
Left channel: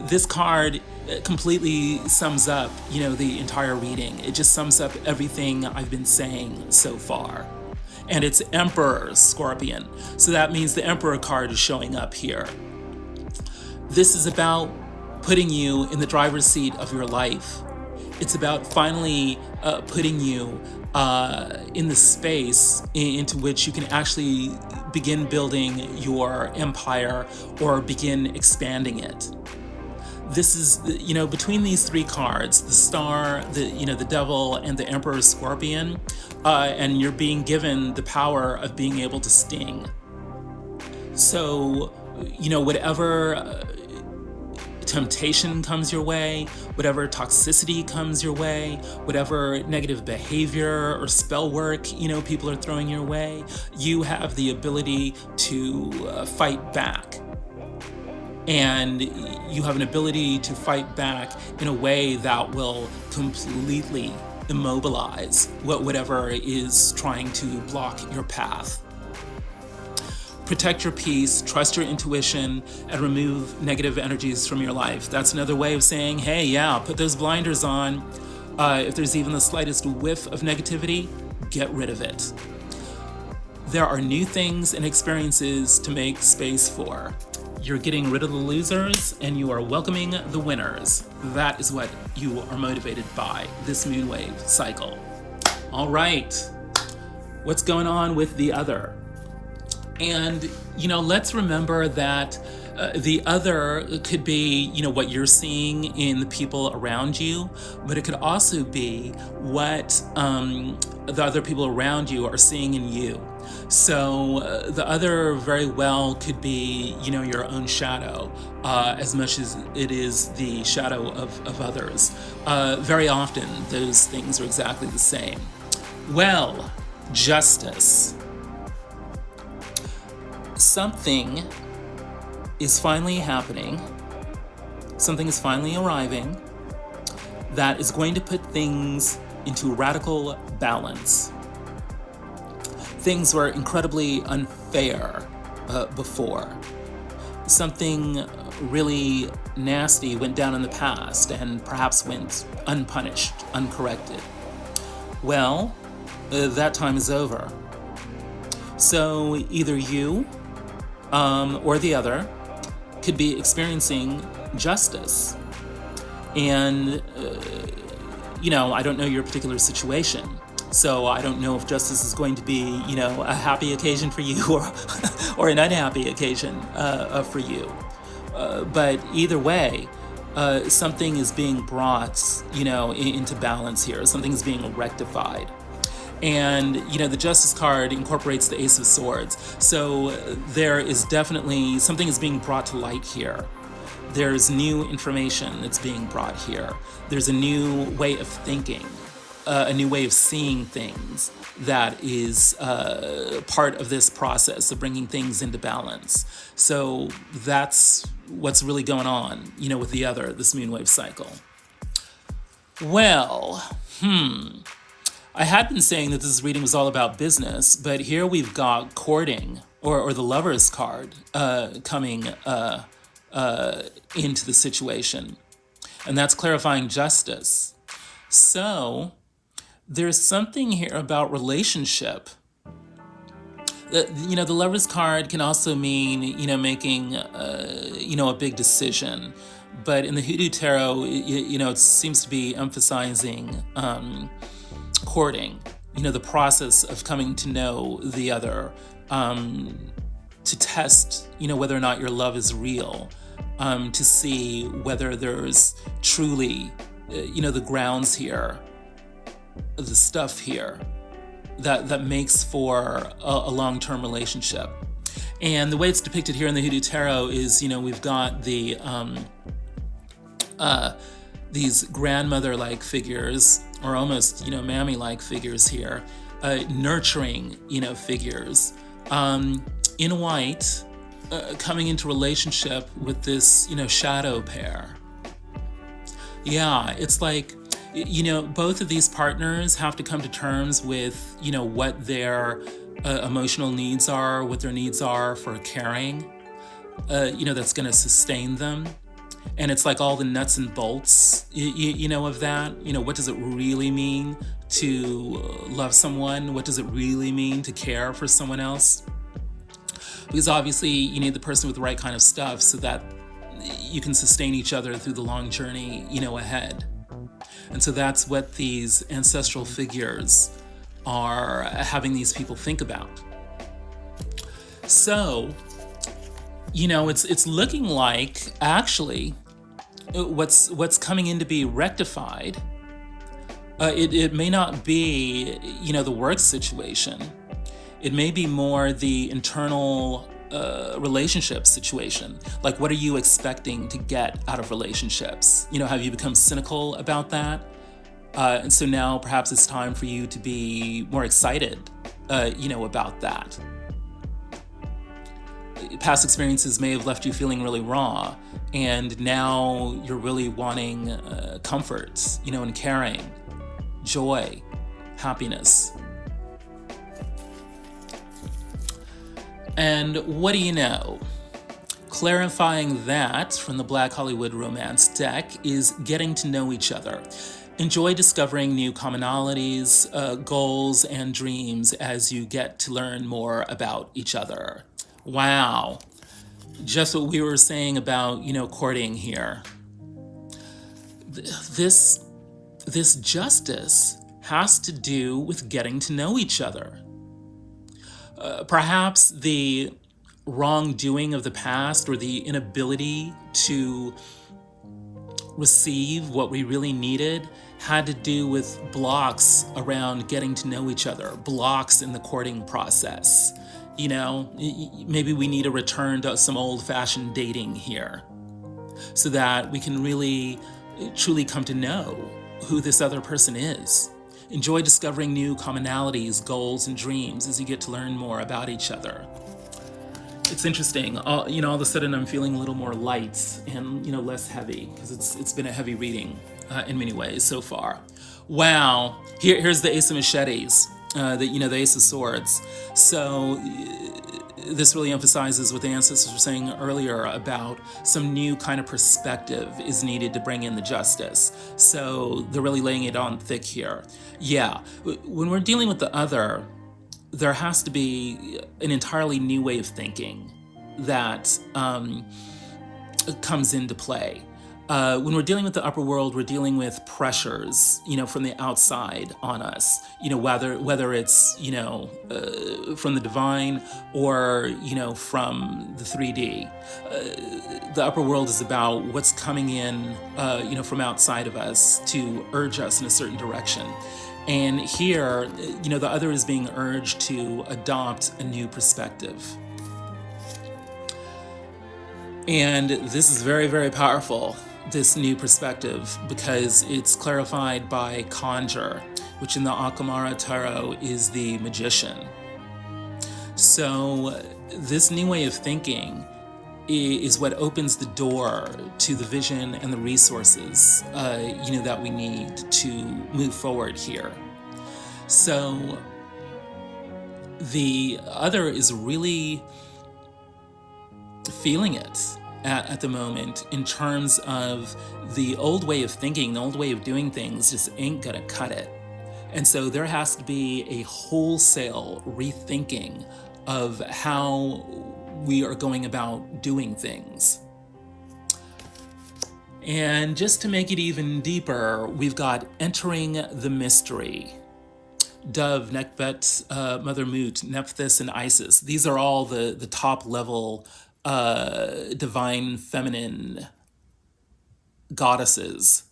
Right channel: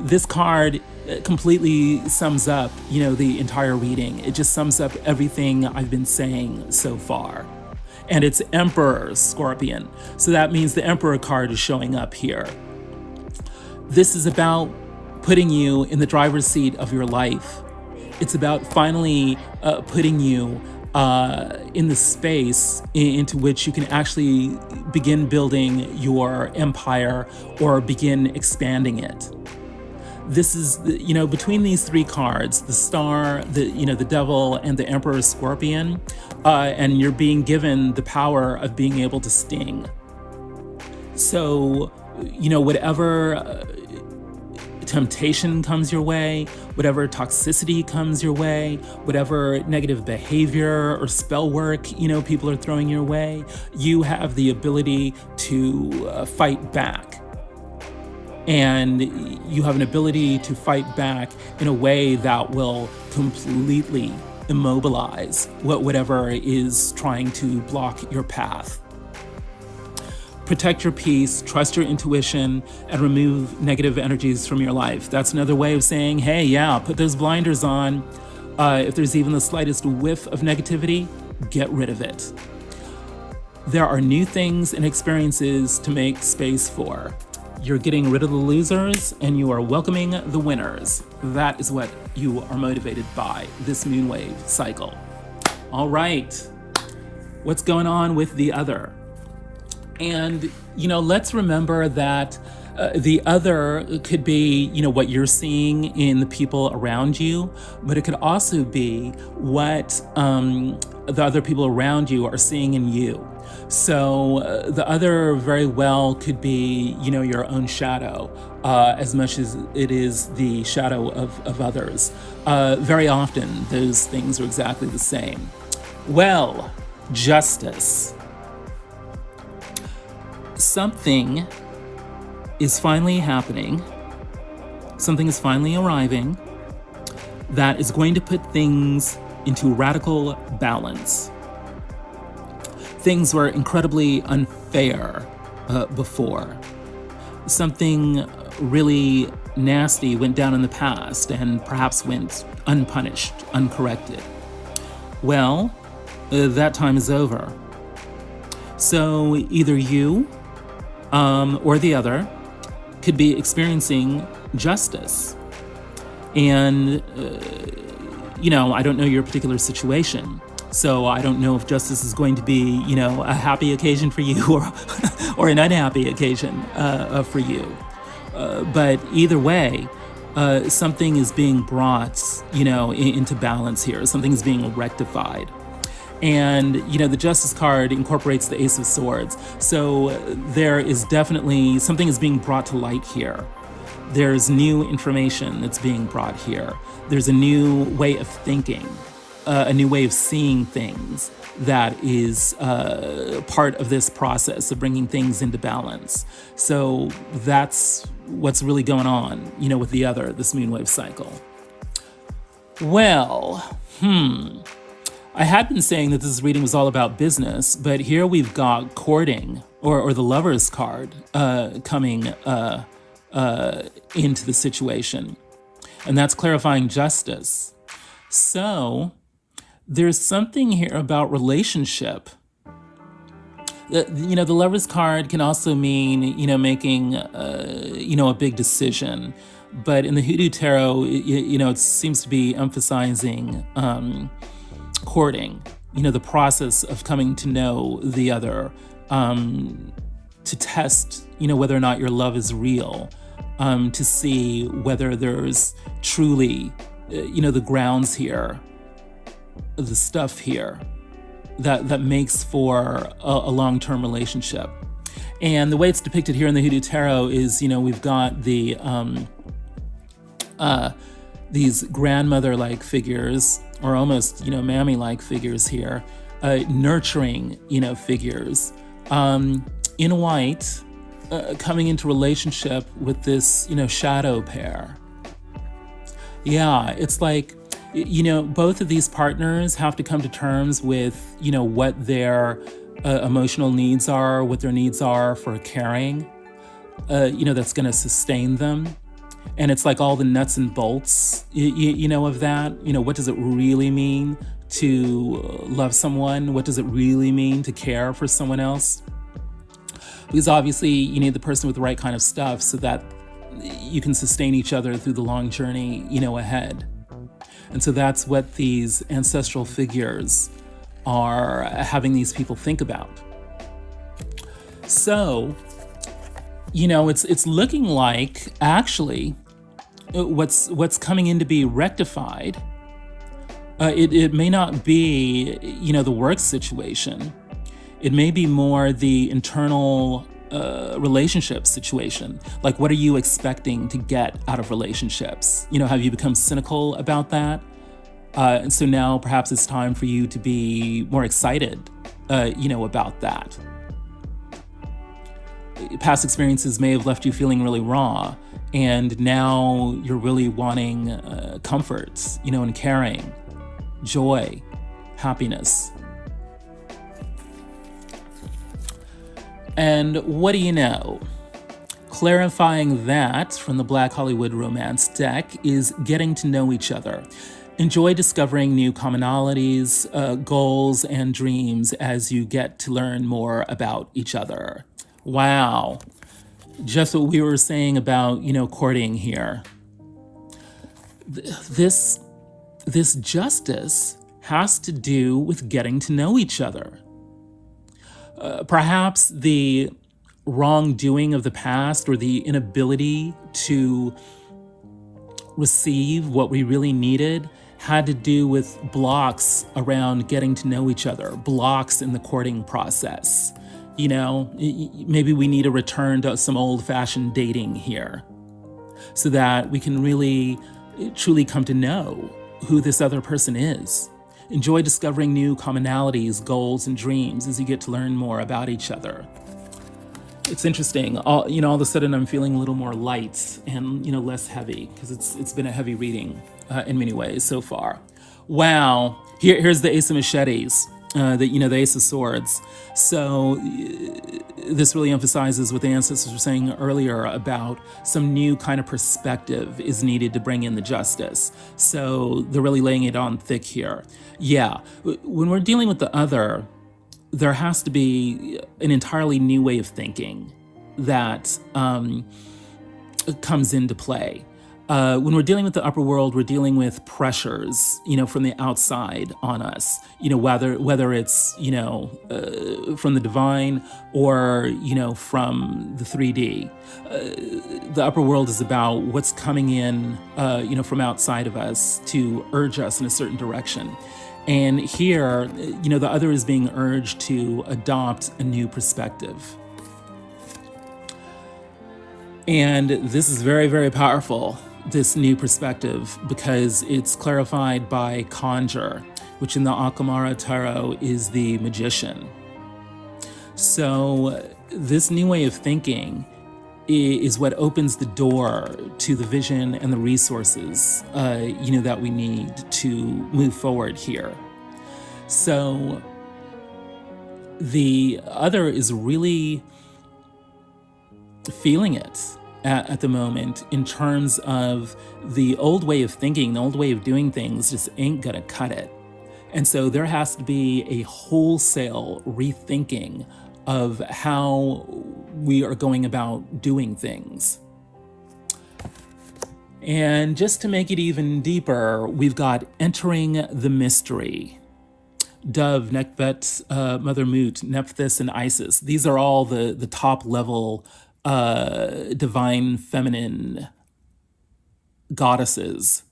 This card completely sums up, the entire reading. It just sums up everything I've been saying so far. And it's Emperor Scorpion. So that means the Emperor card is showing up here. This is about putting you in the driver's seat of your life. It's about finally putting you in the space into which you can actually begin building your empire or begin expanding it. This is, between these three cards, the Star, the Devil, and the Emperor Scorpion, and you're being given the power of being able to sting. So, whatever temptation comes your way, whatever toxicity comes your way, whatever negative behavior or spell work, people are throwing your way, you have the ability to fight back. And you have an ability to fight back in a way that will completely immobilize whatever is trying to block your path. Protect your peace, trust your intuition, and remove negative energies from your life. That's another way of saying, hey, put those blinders on. If there's even the slightest whiff of negativity, get rid of it. There are new things and experiences to make space for. You're getting rid of the losers and you are welcoming the winners. That is what you are motivated by this moonwave cycle. All right, what's going on with the other? And, let's remember that the other could be, what you're seeing in the people around you, but it could also be what the other people around you are seeing in you. So the other very well could be, your own shadow, as much as it is the shadow of others. Very often, those things are exactly the same. Well, justice. Something is finally happening. Something is finally arriving that is going to put things into radical balance. Things were incredibly unfair before. Something really nasty went down in the past and perhaps went unpunished, uncorrected. Well, that time is over. So either you or the other could be experiencing justice. And, I don't know your particular situation, So I don't know if justice is going to be, a happy occasion for you or an unhappy occasion for you. But either way, something is being brought, into balance here. Something is being rectified. And, the Justice card incorporates the Ace of Swords. So there is definitely, something is being brought to light here. There's new information that's being brought here. There's a new way of thinking, a new way of seeing things that is part of this process of bringing things into balance. So that's what's really going on, with this moonwave cycle. Well, I had been saying that this reading was all about business, but here we've got courting, or the Lover's card, coming into the situation. And that's clarifying justice. So there's something here about relationship. The Lover's card can also mean, making, a big decision. But in the Hoodoo Tarot, it seems to be emphasizing courting, the process of coming to know the other, to test, whether or not your love is real, to see whether there's truly, the grounds here, the stuff here that makes for a long-term relationship. And the way it's depicted here in the Hoodoo Tarot is, we've got the these grandmother-like figures, or almost, mammy-like figures here, nurturing, figures, in white, coming into relationship with this, shadow pair. Yeah, it's like, both of these partners have to come to terms with, what their emotional needs are, what their needs are for caring, that's going to sustain them. And it's like all the nuts and bolts, of that. What does it really mean to love someone? What does it really mean to care for someone else? Because obviously you need the person with the right kind of stuff so that you can sustain each other through the long journey, ahead. And so that's what these ancestral figures are having these people think about. So, it's looking like actually what's coming in to be rectified. It may not be, the work situation. It may be more the internal relationship situation. Like, what are you expecting to get out of relationships? Have you become cynical about that? And so now perhaps it's time for you to be more excited, about that. Past experiences may have left you feeling really raw, and now you're really wanting comfort, and caring, joy, happiness. And what do you know? Clarifying that from the Black Hollywood Romance deck is getting to know each other. Enjoy discovering new commonalities, goals, and dreams as you get to learn more about each other. Wow. Just what we were saying about, courting here. This justice has to do with getting to know each other. Perhaps the wrongdoing of the past, or the inability to receive what we really needed, had to do with blocks around getting to know each other, blocks in the courting process. Maybe we need a return to some old-fashioned dating here so that we can really, truly come to know who this other person is. Enjoy discovering new commonalities, goals, and dreams as you get to learn more about each other. It's interesting. All of a sudden I'm feeling a little more light and, less heavy, because it's been a heavy reading in many ways so far. Wow. Here's the Ace of Machetes, the Ace of Swords. So this really emphasizes what the ancestors were saying earlier about some new kind of perspective is needed to bring in the justice. So they're really laying it on thick here. Yeah, when we're dealing with the other, there has to be an entirely new way of thinking that comes into play. When we're dealing with the upper world, we're dealing with pressures, from the outside on us, whether it's, from the divine or, from the 3D. The upper world is about what's coming in, from outside of us to urge us in a certain direction. And here, the other is being urged to adopt a new perspective. And this is very, very powerful, this new perspective, because it's clarified by conjure, which in the Akamara tarot is the magician. So this new way of thinking is what opens the door to the vision and the resources, that we need to move forward here. So the other is really feeling it at the moment in terms of the old way of thinking, the old way of doing things just ain't gonna cut it. And so there has to be a wholesale rethinking of how we are going about doing things. And just to make it even deeper, we've got entering the mystery. Dove, Nekbet, Mother Mut, Nephthys, and Isis. These are all the top level divine feminine goddesses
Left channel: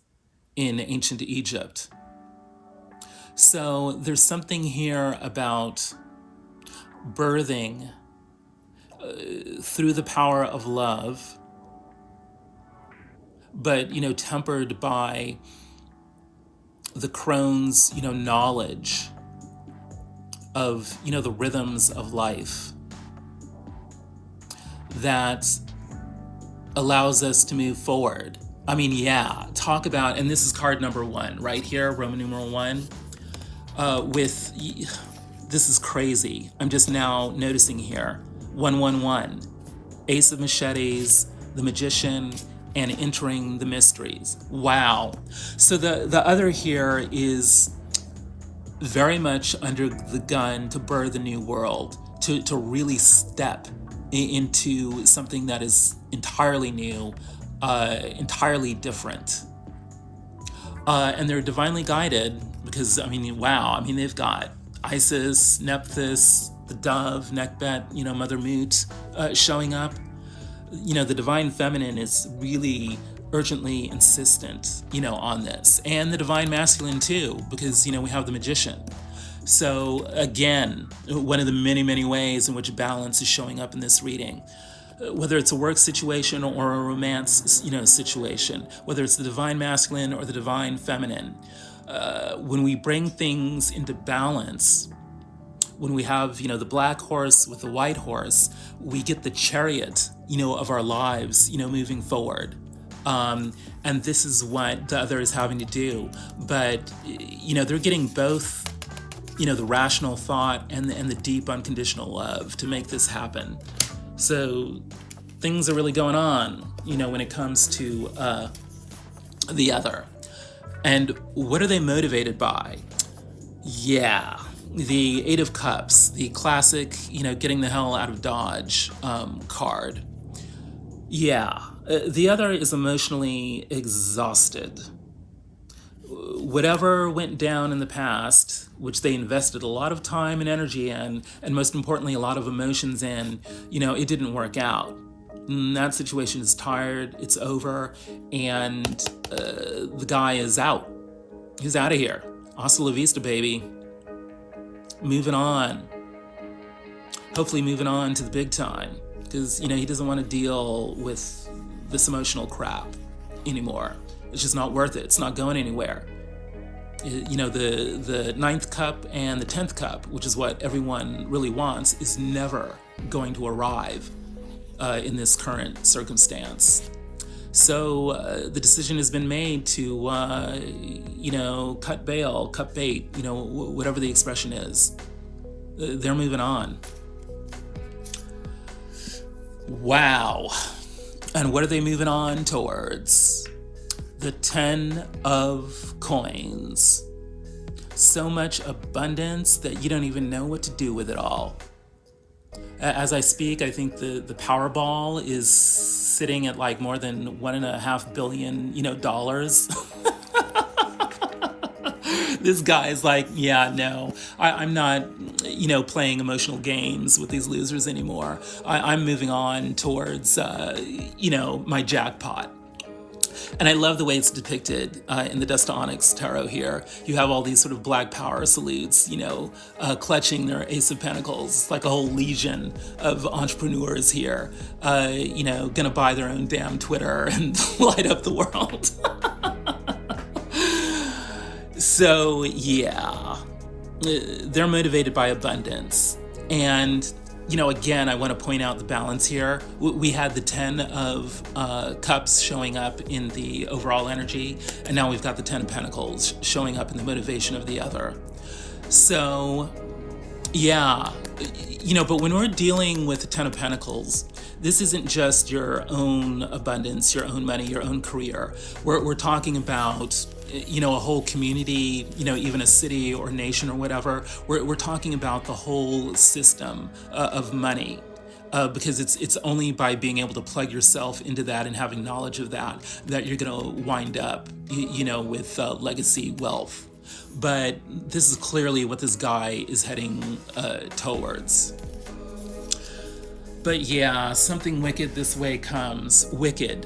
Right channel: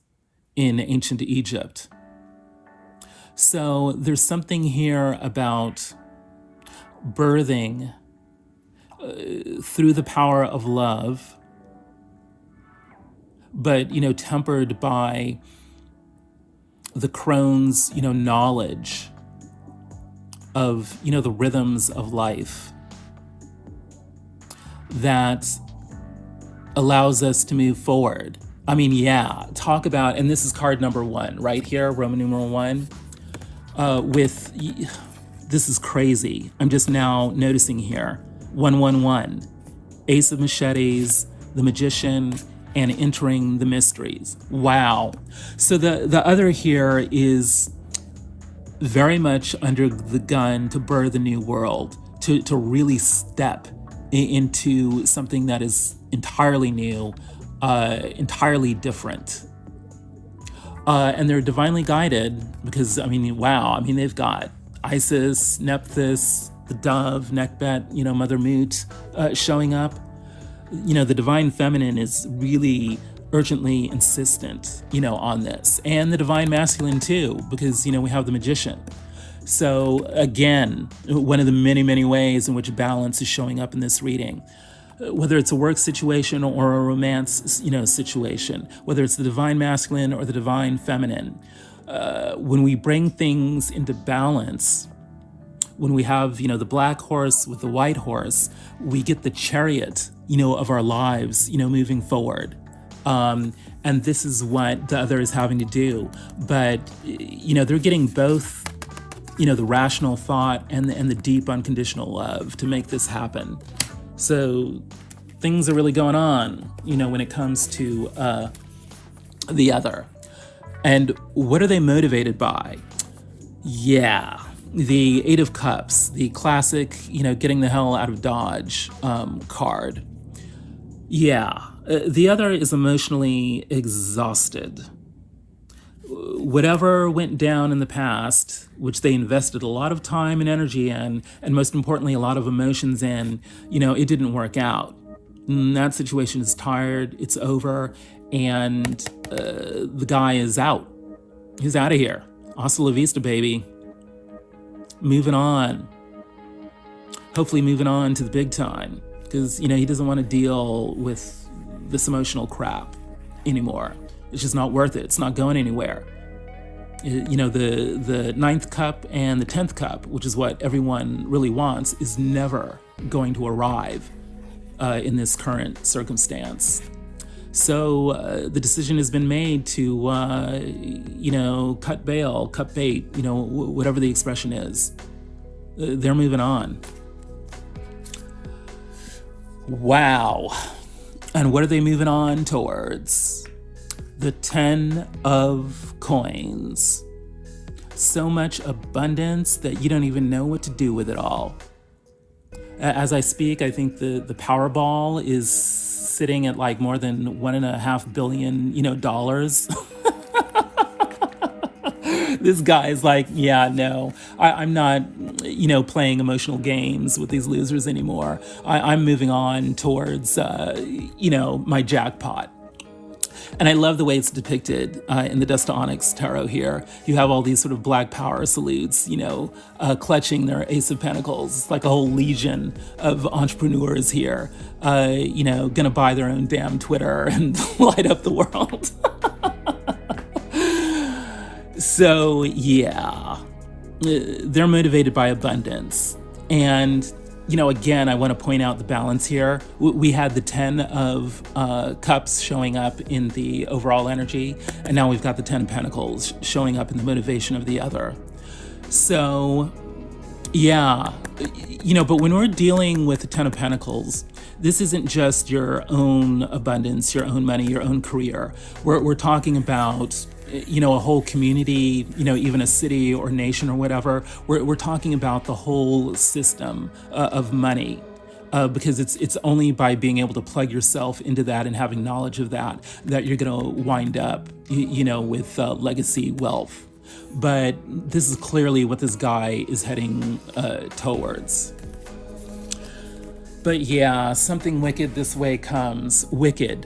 in ancient Egypt. So there's something here about birthing through the power of love, but, tempered by the crone's, knowledge of, the rhythms of life that allows us to move forward. I mean, talk about, and this is card number 1, right here, Roman numeral 1, this is crazy. I'm just now noticing here, 111, Ace of Machetes, the Magician, and entering the mysteries. Wow. So the other here is very much under the gun to birth a new world, to really step into something that is entirely new, entirely different. And they're divinely guided because, they've got Isis, Nephthys, the Dove, Nekbet, Mother Mut showing up. The divine feminine is really urgently insistent, on this. And the divine masculine too, because, we have the magician. So again, one of the many, many ways in which balance is showing up in this reading, whether it's a work situation or a romance, situation, whether it's the divine masculine or the divine feminine, when we bring things into balance, when we have, the black horse with the white horse, we get the chariot, of our lives, moving forward. And this is what the other is having to do. But, they're getting both, the rational thought and the deep unconditional love to make this happen. So things are really going on, when it comes to the other. And what are they motivated by? The Eight of Cups, the classic, getting the hell out of Dodge card. The other is emotionally exhausted. Whatever went down in the past, which they invested a lot of time and energy in, and most importantly, a lot of emotions in, it didn't work out. And that situation is tired, it's over, and the guy is out. He's out of here. Hasta la vista, baby. Moving on. Hopefully moving on to the big time, because, he doesn't want to deal with this emotional crap anymore. It's just not worth it. It's not going anywhere. The 9th cup and the 10th cup, which is what everyone really wants, is never going to arrive in this current circumstance. So the decision has been made to, cut bail, cut bait, whatever the expression is. They're moving on. Wow. And what are they moving on towards? The 10 of coins. So much abundance that you don't even know what to do with it all. As I speak, I think the Powerball is sitting at like more than $1.5 billion, dollars. This guy's like, yeah, no, I'm not, playing emotional games with these losers anymore. I'm moving on towards, my jackpot. And I love the way it's depicted in the Dust to Onyx tarot here. You have all these sort of black power salutes, clutching their Ace of Pentacles. It's like a whole legion of entrepreneurs here, gonna buy their own damn Twitter and light up the world. So, yeah, they're motivated by abundance. And, again, I want to point out the balance here. We had the 10 of Cups showing up in the overall energy, and now we've got the 10 of Pentacles showing up in the motivation of the other. So, yeah, but when we're dealing with the 10 of Pentacles, this isn't just your own abundance, your own money, your own career. We're talking about, a whole community, even a city or nation or whatever. We're talking about the whole system of money. Because it's only by being able to plug yourself into that and having knowledge of that you're going to wind up, with legacy wealth. But this is clearly what this guy is heading towards. But yeah, something wicked this way comes. Wicked.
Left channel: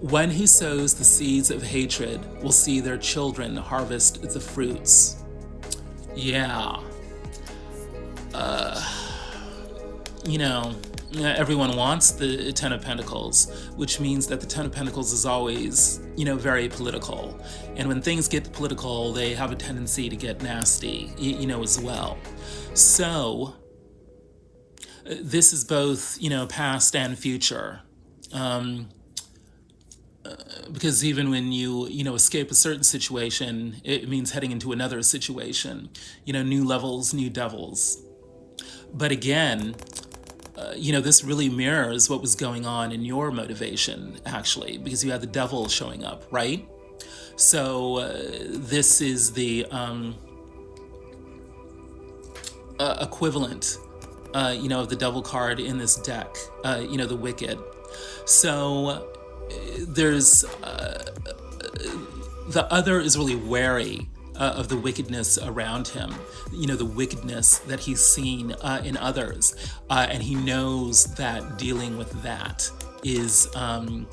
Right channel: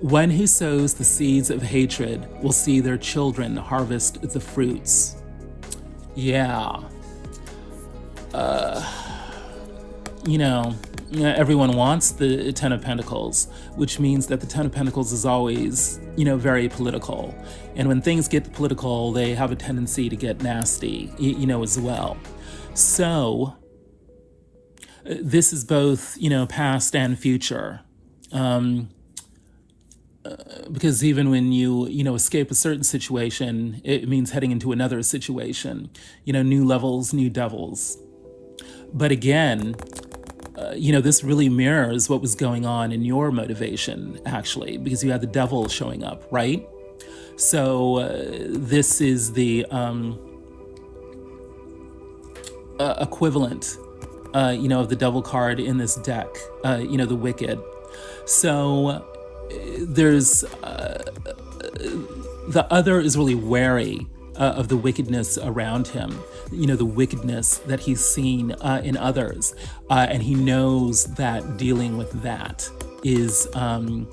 One who sows the seeds of hatred will see their children harvest the fruits. Yeah. Everyone wants the 10 of Pentacles, which means that the 10 of Pentacles is always, very political. And when things get political, they have a tendency to get nasty, as well. So, this is both, past and future. Because even when you, escape a certain situation, it means heading into another situation. New levels, new devils. But again, this really mirrors what was going on in your motivation, actually, because you had the devil showing up, right? So this is the equivalent, of the devil card in this deck, the wicked. So there's the other is really wary of the wickedness around him, the wickedness that he's seen in others, and he knows that dealing with that is a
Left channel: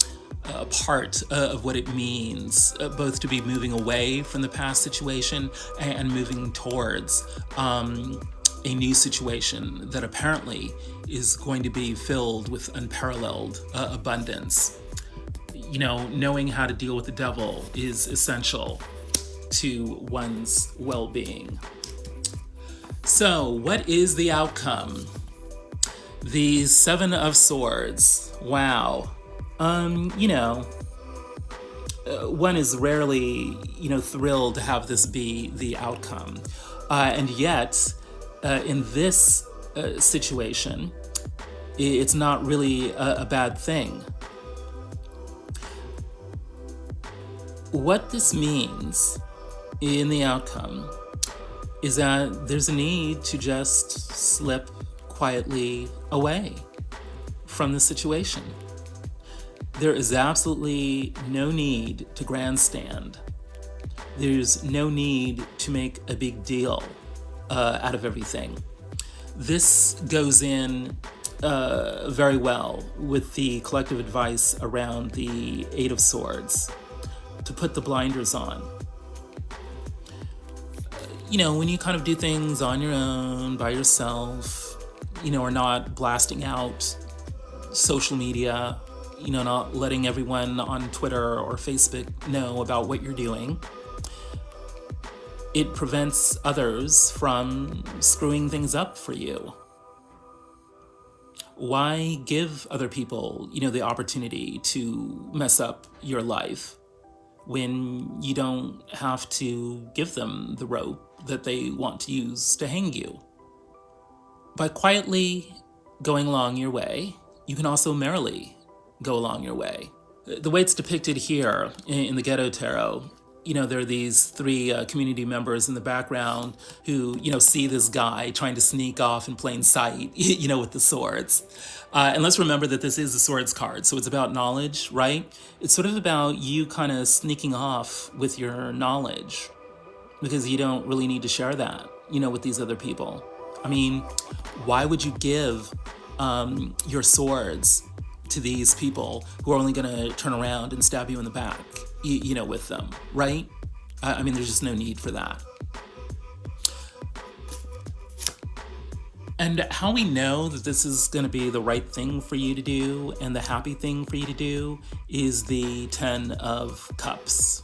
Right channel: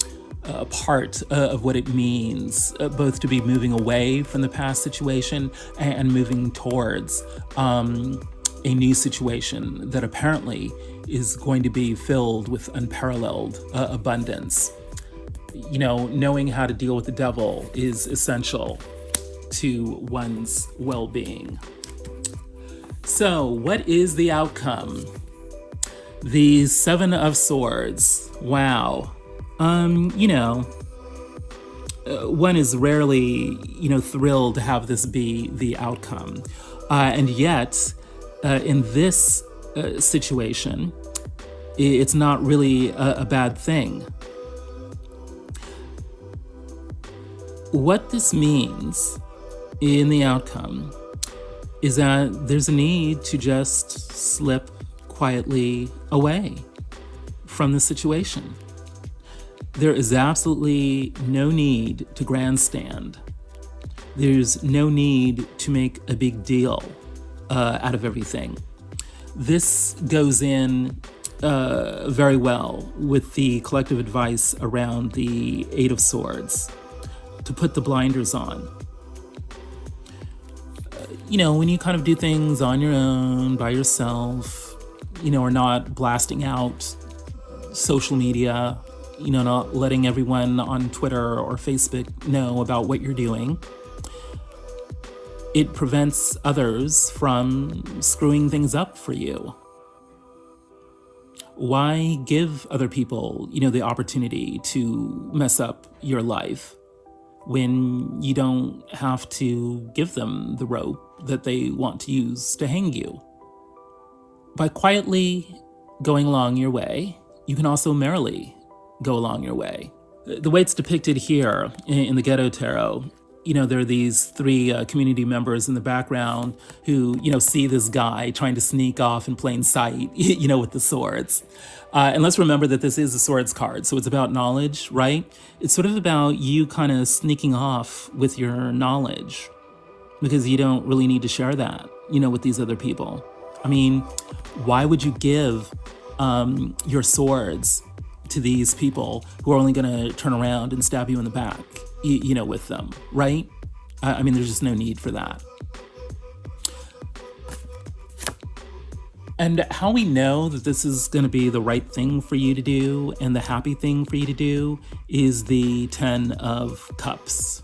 part of what it means, both to be moving away from the past situation and moving towards a new situation that apparently is going to be filled with unparalleled abundance. Knowing how to deal with the devil is essential to one's well-being. So, what is the outcome? The 7 of Swords. Wow. One is rarely, thrilled to have this be the outcome. And yet, in this situation, it's not really a bad thing. What this means in the outcome is that there's a need to just slip quietly away from the situation. There is absolutely no need to grandstand. There's no need to make a big deal out of everything. This goes in very well with the collective advice around the 8 of Swords, to put the blinders on. When you kind of do things on your own, by yourself, or not blasting out social media, not letting everyone on Twitter or Facebook know about what you're doing, it prevents others from screwing things up for you. Why give other people, the opportunity to mess up your life when you don't have to give them the rope that they want to use to hang you? By quietly going along your way, you can also merrily go along your way. The way it's depicted here in the Ghetto Tarot, there are these 3 community members in the background who, see this guy trying to sneak off in plain sight, with the swords. And let's remember that this is a swords card, so it's about knowledge, right? It's sort of about you kind of sneaking off with your knowledge because you don't really need to share that, with these other people. I mean, why would you give your swords to these people who are only going to turn around and stab you in the back, with them, right? I mean, there's just no need for that. And how we know that this is going to be the right thing for you to do and the happy thing for you to do is the 10 of Cups.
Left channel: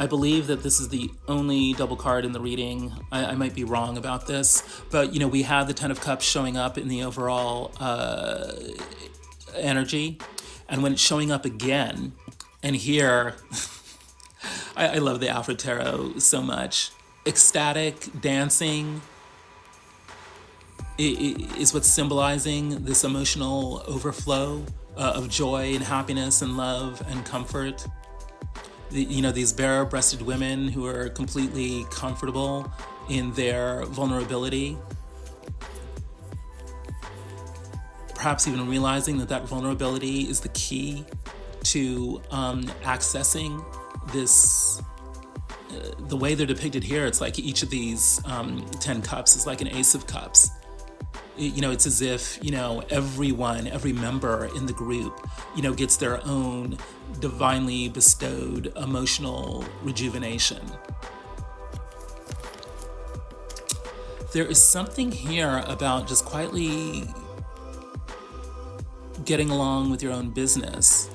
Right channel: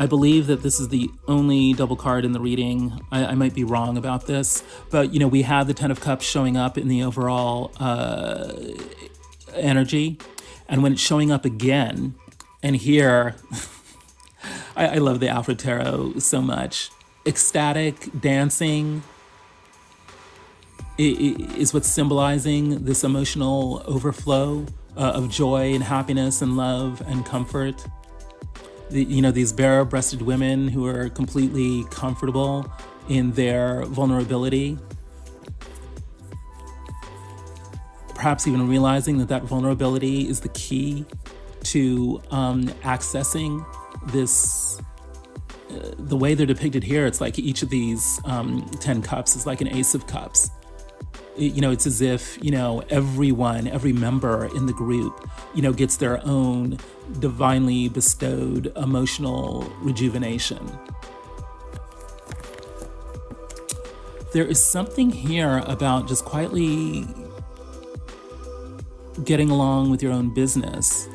I believe that this is the only double card in the reading. I might be wrong about this, but we have the 10 of Cups showing up in the overall energy. And when it's showing up again, and here, I love the Afro Tarot so much. Ecstatic dancing is what's symbolizing this emotional overflow of joy and happiness and love and comfort. These bare-breasted women who are completely comfortable in their vulnerability. Perhaps even realizing that vulnerability is the key to accessing this. The way they're depicted here, it's like each of these 10 cups is like an ace of cups. It's as if, everyone, every member in the group, gets their own divinely bestowed emotional rejuvenation. There is something here about just quietly getting along with your own business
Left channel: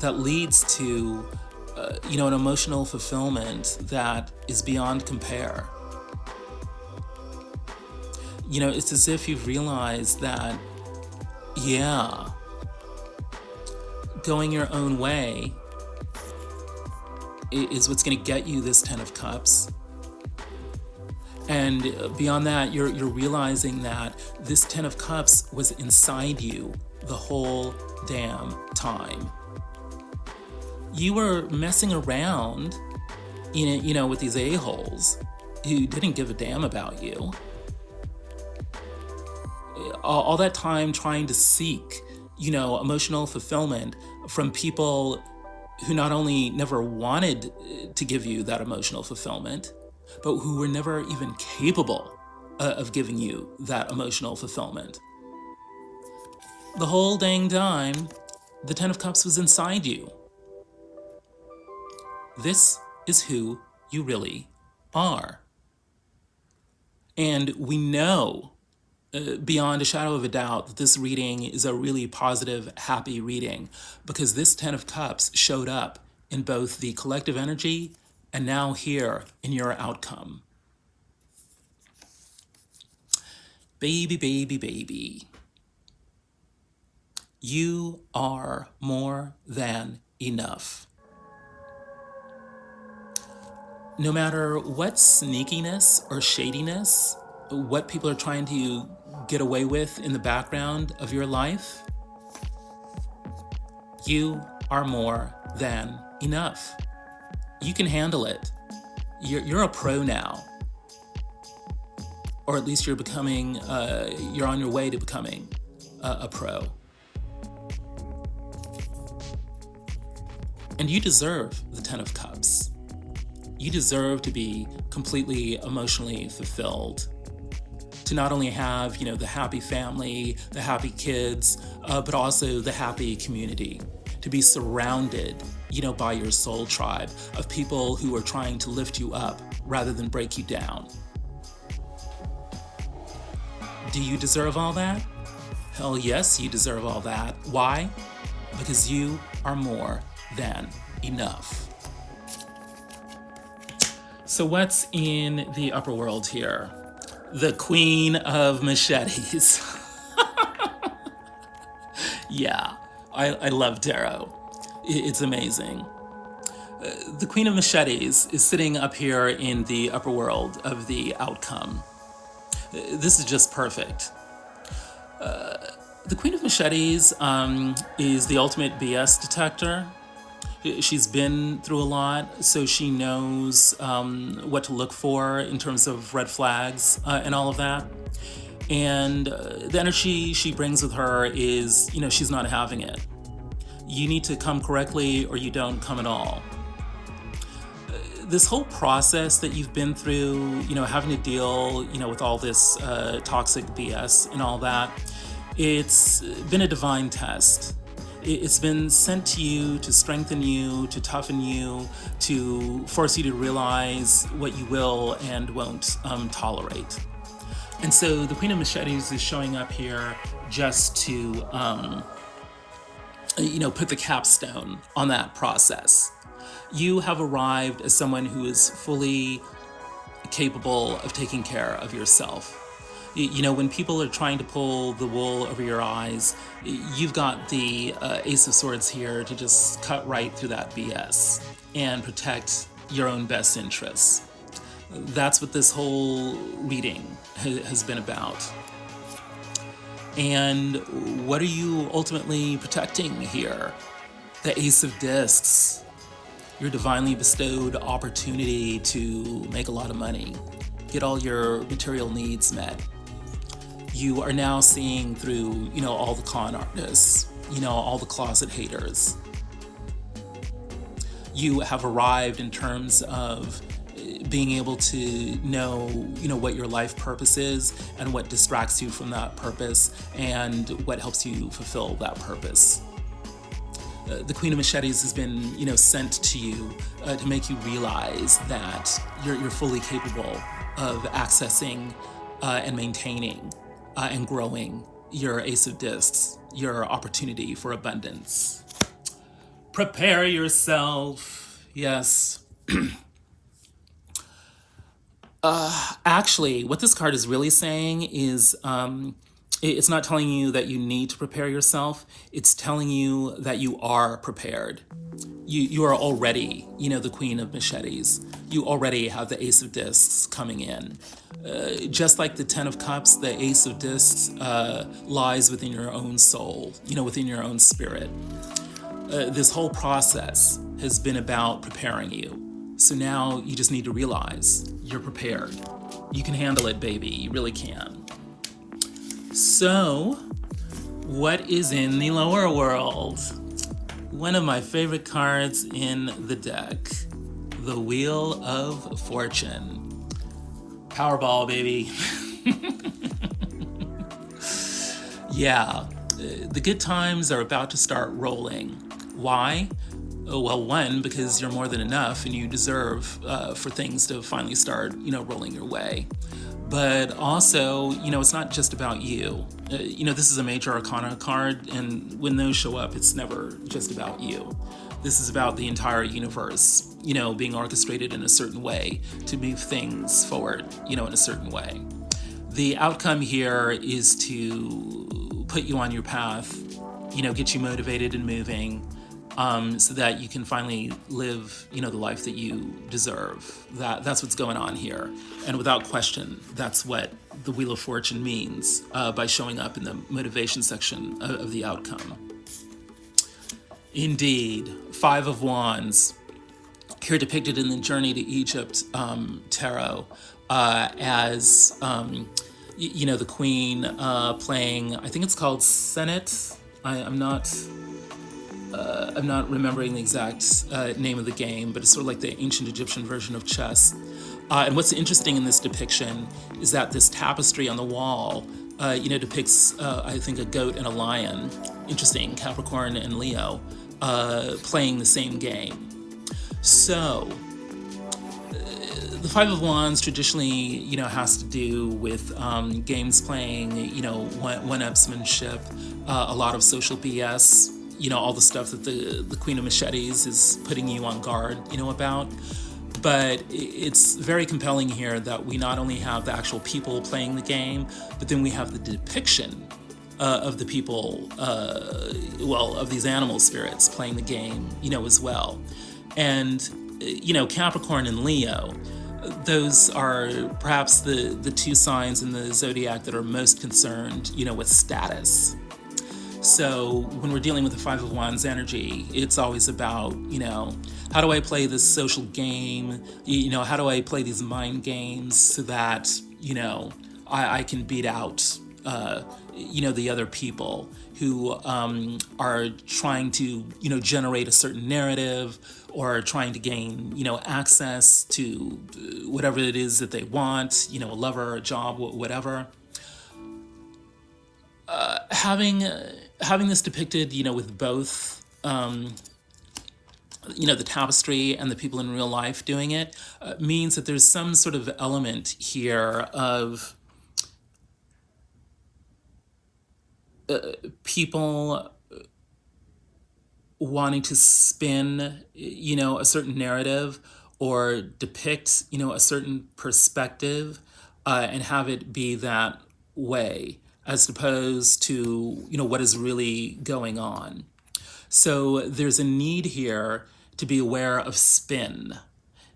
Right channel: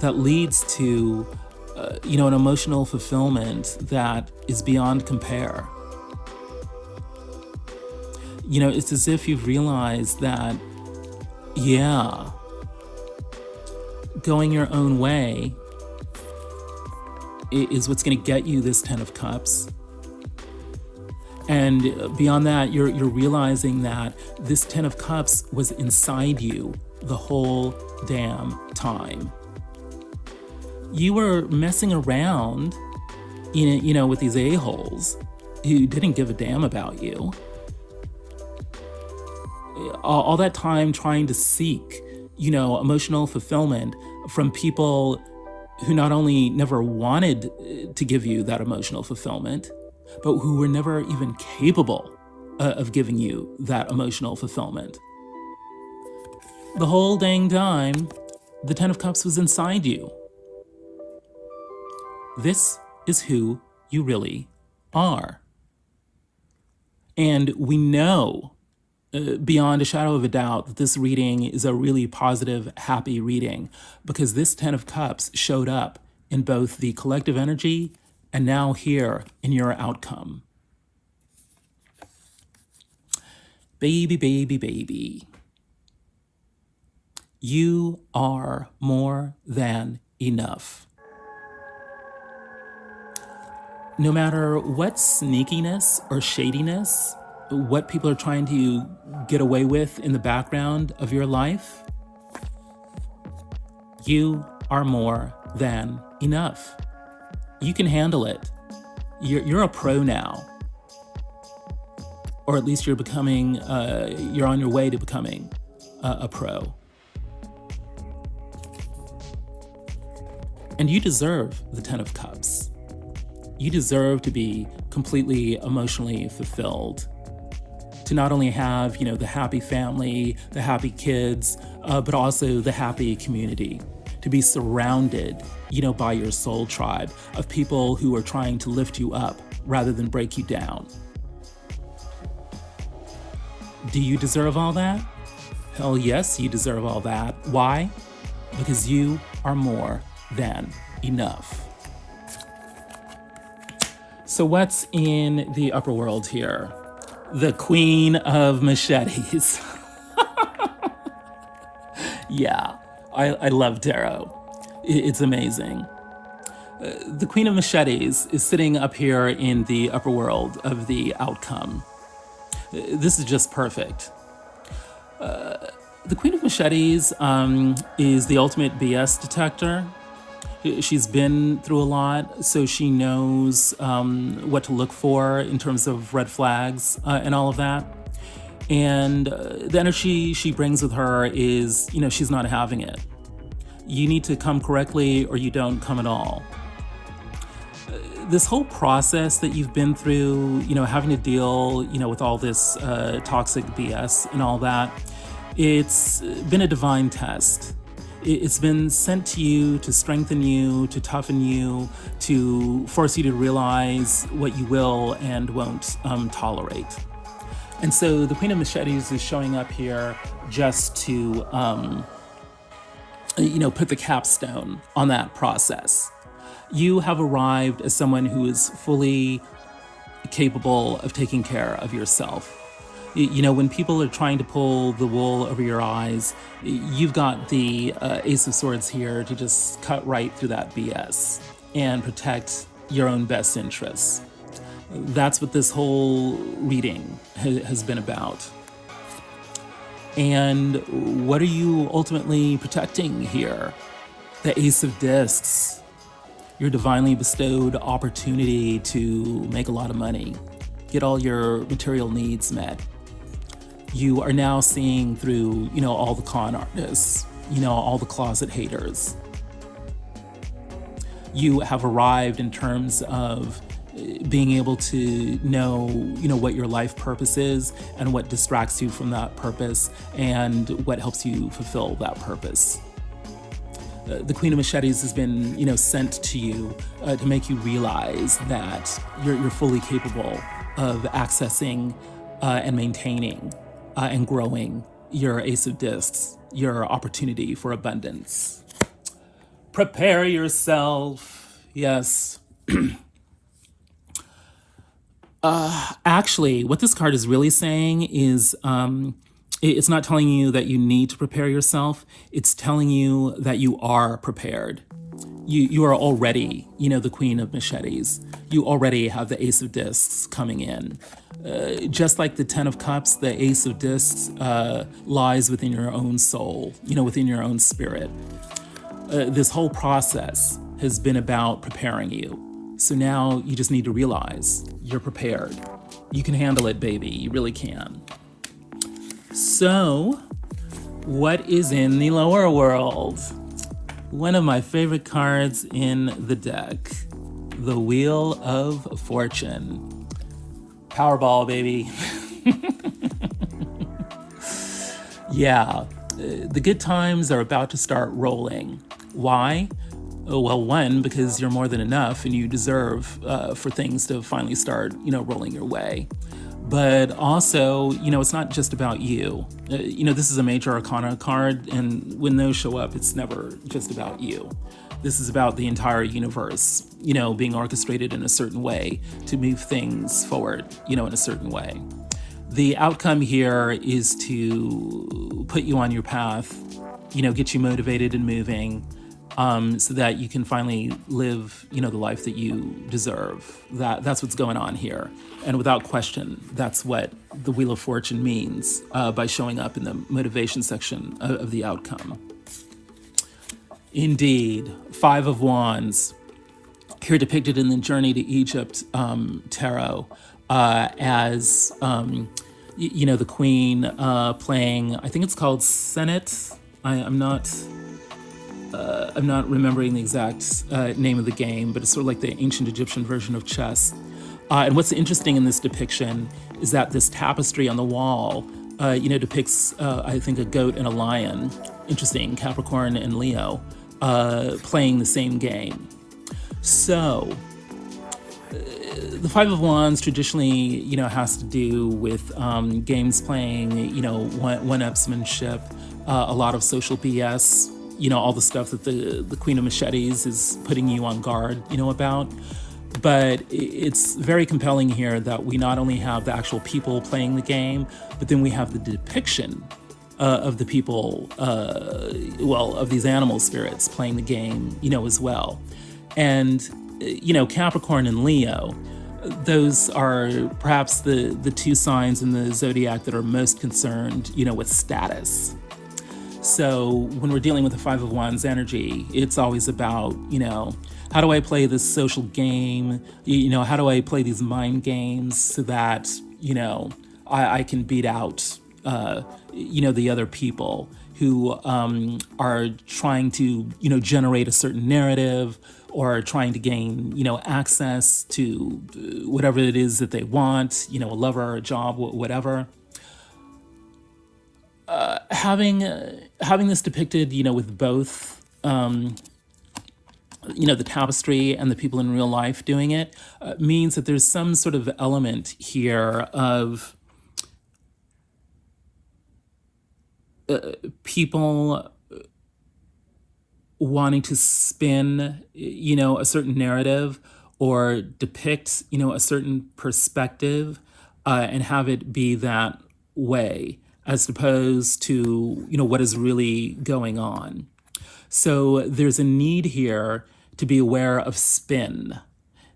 that leads to, an emotional fulfillment that is beyond compare. It's as if you've realized that, going your own way is what's going to get you this 10 of Cups. And beyond that, you're realizing that this 10 of Cups was inside you the whole damn time. You were messing around, with these a-holes who didn't give a damn about you. All that time trying to seek, emotional fulfillment from people who not only never wanted to give you that emotional fulfillment, but who were never even capable of giving you that emotional fulfillment. The whole dang time, the 10 of Cups was inside you. This is who you really are. And we know beyond a shadow of a doubt that this reading is a really positive, happy reading because this 10 of Cups showed up in both the collective energy and now here in your outcome. Baby, baby, baby. You are more than enough. No matter what sneakiness or shadiness, what people are trying to get away with in the background of your life, you are more than enough. You can handle it. You're a pro now. Or at least you're on your way to becoming a pro. And you deserve the 10 of Cups. You deserve to be completely emotionally fulfilled. To not only have, the happy family, the happy kids, but also the happy community. To be surrounded, by your soul tribe of people who are trying to lift you up rather than break you down. Do you deserve all that? Hell yes, you deserve all that. Why? Because you are more than enough. So what's in the upper world here? The Queen of Machetes. Yeah, I love tarot. It's amazing. The Queen of Machetes is sitting up here in the upper world of the outcome. This is just perfect. The Queen of Machetes is the ultimate BS detector. She's been through a lot, so she knows what to look for in terms of red flags and all of that. And the energy she brings with her is, she's not having it. You need to come correctly or you don't come at all. This whole process that you've been through, having to deal, with all this toxic BS and all that, it's been a divine test. It's been sent to you to strengthen you, to toughen you, to force you to realize what you will and won't tolerate. And so the Queen of Machetes is showing up here just to, put the capstone on that process. You have arrived as someone who is fully capable of taking care of yourself. When people are trying to pull the wool over your eyes, you've got the Ace of Swords here to just cut right through that BS and protect your own best interests. That's what this whole reading has been about. And what are you ultimately protecting here? The Ace of Discs. Your divinely bestowed opportunity to make a lot of money, get all your material needs met. You are now seeing through, all the con artists, all the closet haters. You have arrived in terms of being able to know, what your life purpose is and what distracts you from that purpose and what helps you fulfill that purpose. The Queen of Machetes has been, sent to you to make you realize that you're fully capable of accessing and maintaining and growing your Ace of Discs, your opportunity for abundance. Prepare yourself. Yes. Actually, what this card is really saying is it's not telling you that you need to prepare yourself. It's telling you that you are prepared. You are already, the Queen of Machetes. You already have the Ace of Discs coming in. Just like the Ten of Cups, the Ace of Discs lies within your own soul, within your own spirit. This whole process has been about preparing you. So now you just need to realize you're prepared. You can handle it, baby. You really can. So, what is in the lower world? One of my favorite cards in the deck, the Wheel of Fortune. Powerball, baby. Yeah, the good times are about to start rolling. Why? Well, one, because you're more than enough and you deserve for things to finally start, rolling your way. But also, it's not just about you. This is a major arcana card, and when those show up, it's never just about you. This is about the entire universe, being orchestrated in a certain way to move things forward, in a certain way. The outcome here is to put you on your path, get you motivated and moving, so that you can finally live, the life that you deserve. That's what's going on here. And without question, that's what the Wheel of Fortune means by showing up in the motivation section of the outcome. Indeed, Five of Wands, here depicted in the Journey to Egypt tarot as, the Queen playing, I think it's called Senet. I'm not remembering the exact name of the game, but it's sort of like the ancient Egyptian version of chess. And what's interesting in this depiction is that this tapestry on the wall, depicts, I think, a goat and a lion. Interesting, Capricorn and Leo, playing the same game. So, the Five of Wands traditionally, has to do with games playing, one-upsmanship, a lot of social BS, all the stuff that the Queen of Machetes is putting you on guard, about. But it's very compelling here that we not only have the actual people playing the game, but then we have the depiction of the people, of these animal spirits playing the game, as well. And, Capricorn and Leo, those are perhaps the two signs in the zodiac that are most concerned, with status. So when we're dealing with the Five of Wands energy, it's always about, how do I play this social game? How do I play these mind games so that, I can beat out, the other people who are trying to, generate a certain narrative or trying to gain, access to whatever it is that they want, a lover or a job, whatever. Having this depicted, with both, the tapestry and the people in real life doing it, means that there's some sort of element here of people wanting to spin, a certain narrative or depict, a certain perspective, and have it be that way, as opposed to, what is really going on. So there's a need here to be aware of spin.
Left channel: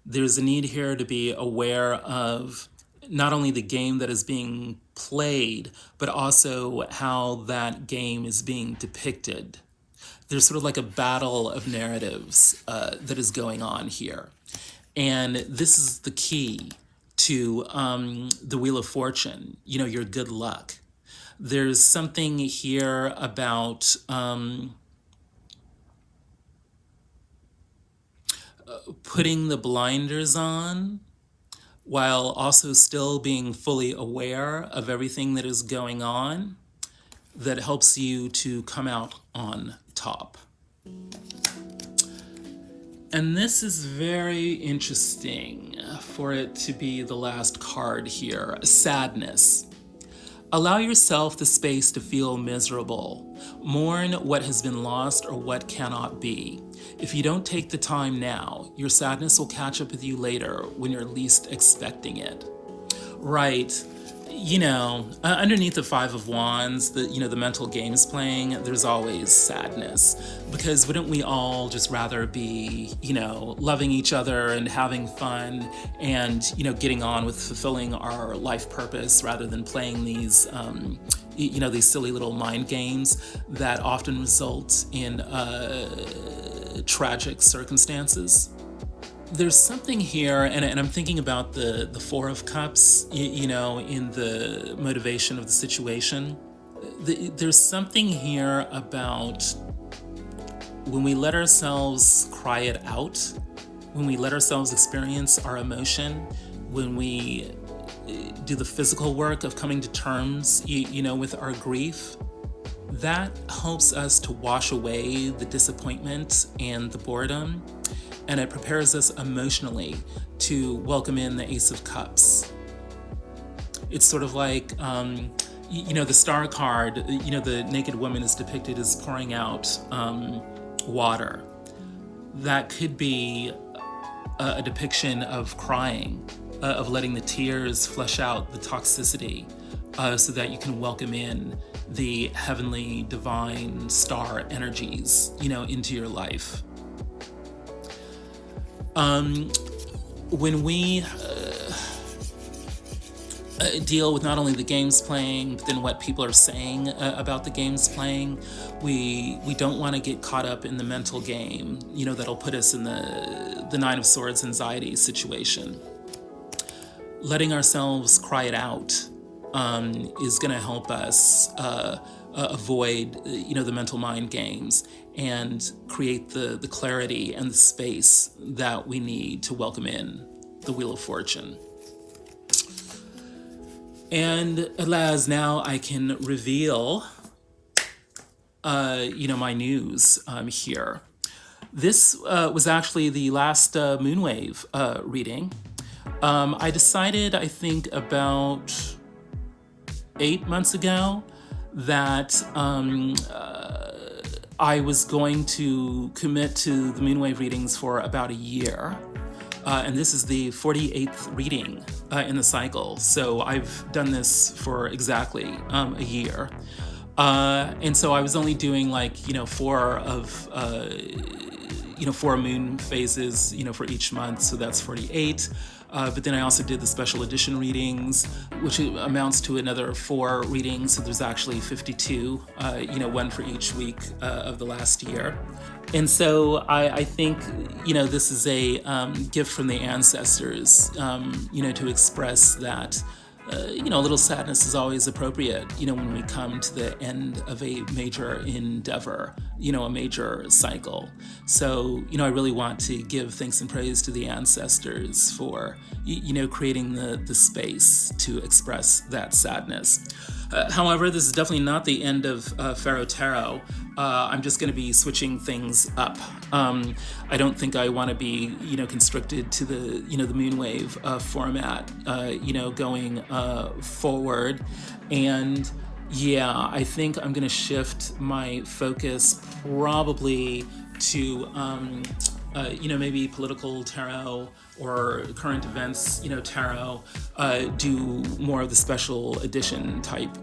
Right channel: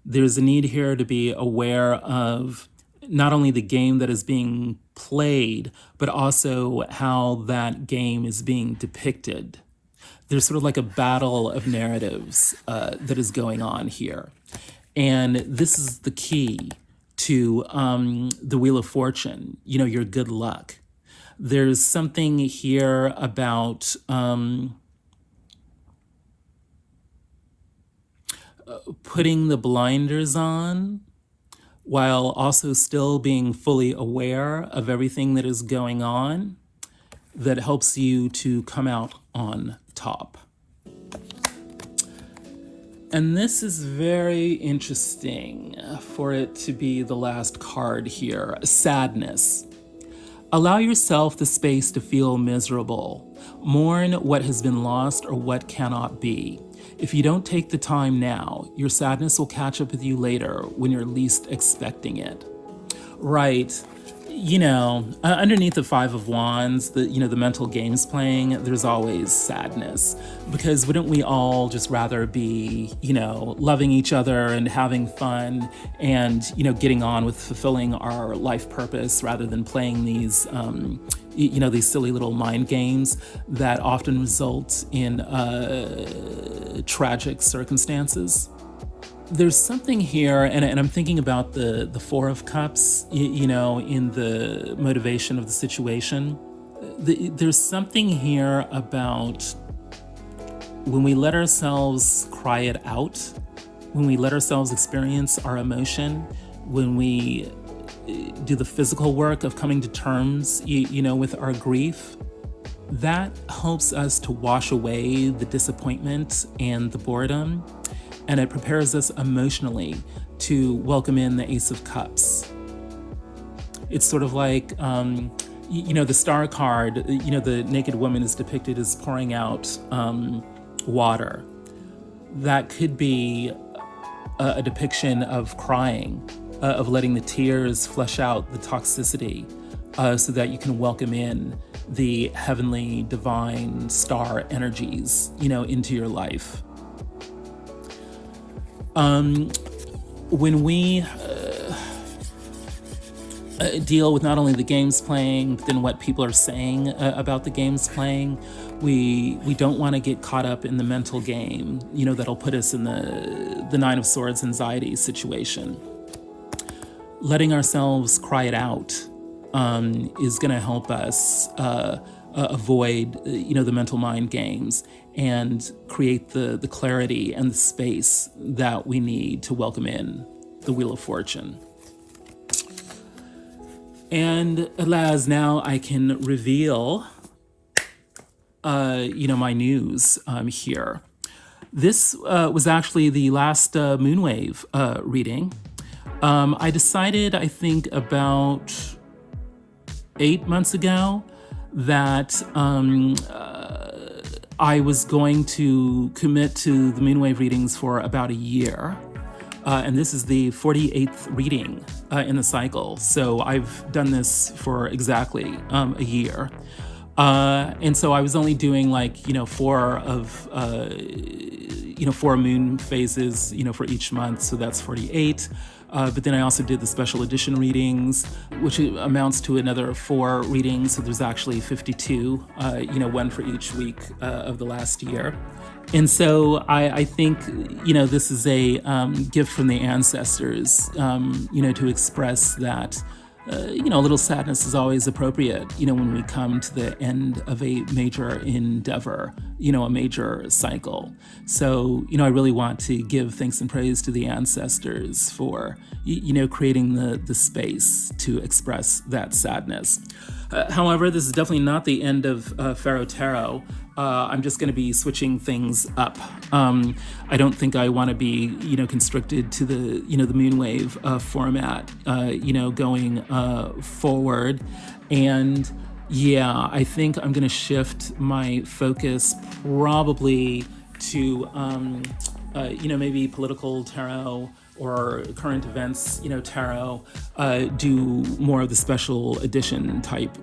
There's a need here to be aware of not only the game that is being played, but also how that game is being depicted. There's sort of like a battle of narratives that is going on here. And this is the key to the Wheel of Fortune, your good luck. There's something here about putting the blinders on while also still being fully aware of everything that is going on, that helps you to come out on top. And this is very interesting for it to be the last card here, sadness. Allow yourself the space to feel miserable. Mourn what has been lost or what cannot be. If you don't take the time now, your sadness will catch up with you later when you're least expecting it. Right. Underneath the Five of Wands, the mental games playing, there's always sadness. Because wouldn't we all just rather be, loving each other and having fun and, getting on with fulfilling our life purpose rather than playing these, these silly little mind games that often result in tragic circumstances? There's something here, and I'm thinking about the Four of Cups, in the motivation of the situation. There's something here about when we let ourselves cry it out, when we let ourselves experience our emotion, when we do the physical work of coming to terms, with our grief, that helps us to wash away the disappointment and the boredom. And it prepares us emotionally to welcome in the Ace of Cups. It's sort of like, the Star card, the naked woman is depicted as pouring out water. That could be a depiction of crying, of letting the tears flush out the toxicity, so that you can welcome in the heavenly, divine star energies, into your life. When we deal with not only the games playing, but then what people are saying about the games playing, we don't want to get caught up in the mental game, that'll put us in the Nine of Swords anxiety situation. Letting ourselves cry it out is going to help us avoid, the mental mind games and create the clarity and the space that we need to welcome in the Wheel of Fortune. And alas, now I can reveal, my news here. This was actually the last Moonwave reading. I decided, I think, about 8 months ago that I was going to commit to the Moonwave readings for about a year. And this is the 48th reading in the cycle. So I've done this for exactly a year. And so I was only doing 4 moon phases, for each month. So that's 48. But then I also did the special edition readings, which amounts to another 4 readings. So there's actually 52, one for each week of the last year. And so I think, this is a gift from the ancestors, to express that a little sadness is always appropriate, when we come to the end of a major endeavor, a major cycle. So, I really want to give thanks and praise to the ancestors for, creating the space to express that sadness. However, this is definitely not the end of Pharaoh Tarot. I'm just going to be switching things up. I don't think I want to be, constricted to the moonwave format, going forward. And yeah, I think I'm going to shift my focus probably to, maybe political tarot or current events, tarot, do more of the special edition type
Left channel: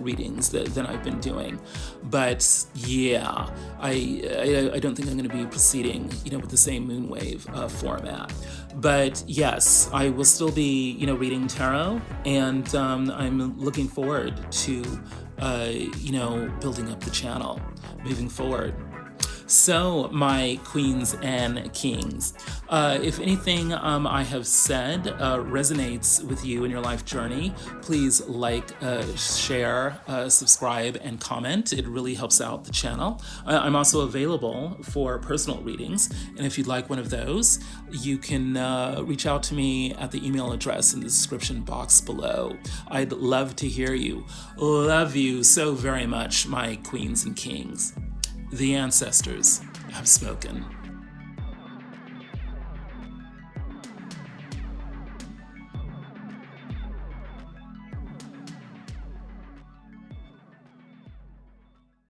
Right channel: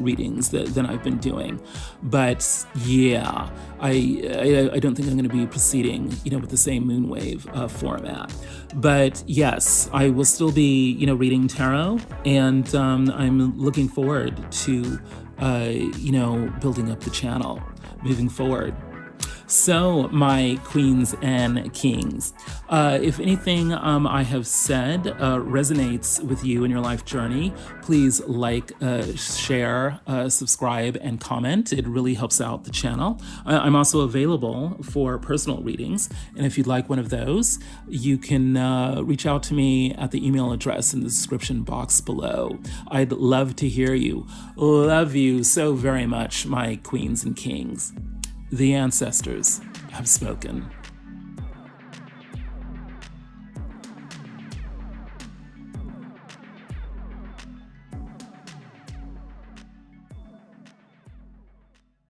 readings than I've been doing. But yeah, I don't think I'm going to be proceeding, with the same moonwave format. But yes, I will still be, reading tarot, and I'm looking forward to, building up the channel moving forward. So, my queens and kings, if anything I have said resonates with you in your life journey, please like, share, subscribe, and comment. It really helps out the channel. I'm also available for personal readings, and if you'd like one of those, you can reach out to me at the email address in the description box below. I'd love to hear you. Love you so very much, my queens and kings. The ancestors have spoken.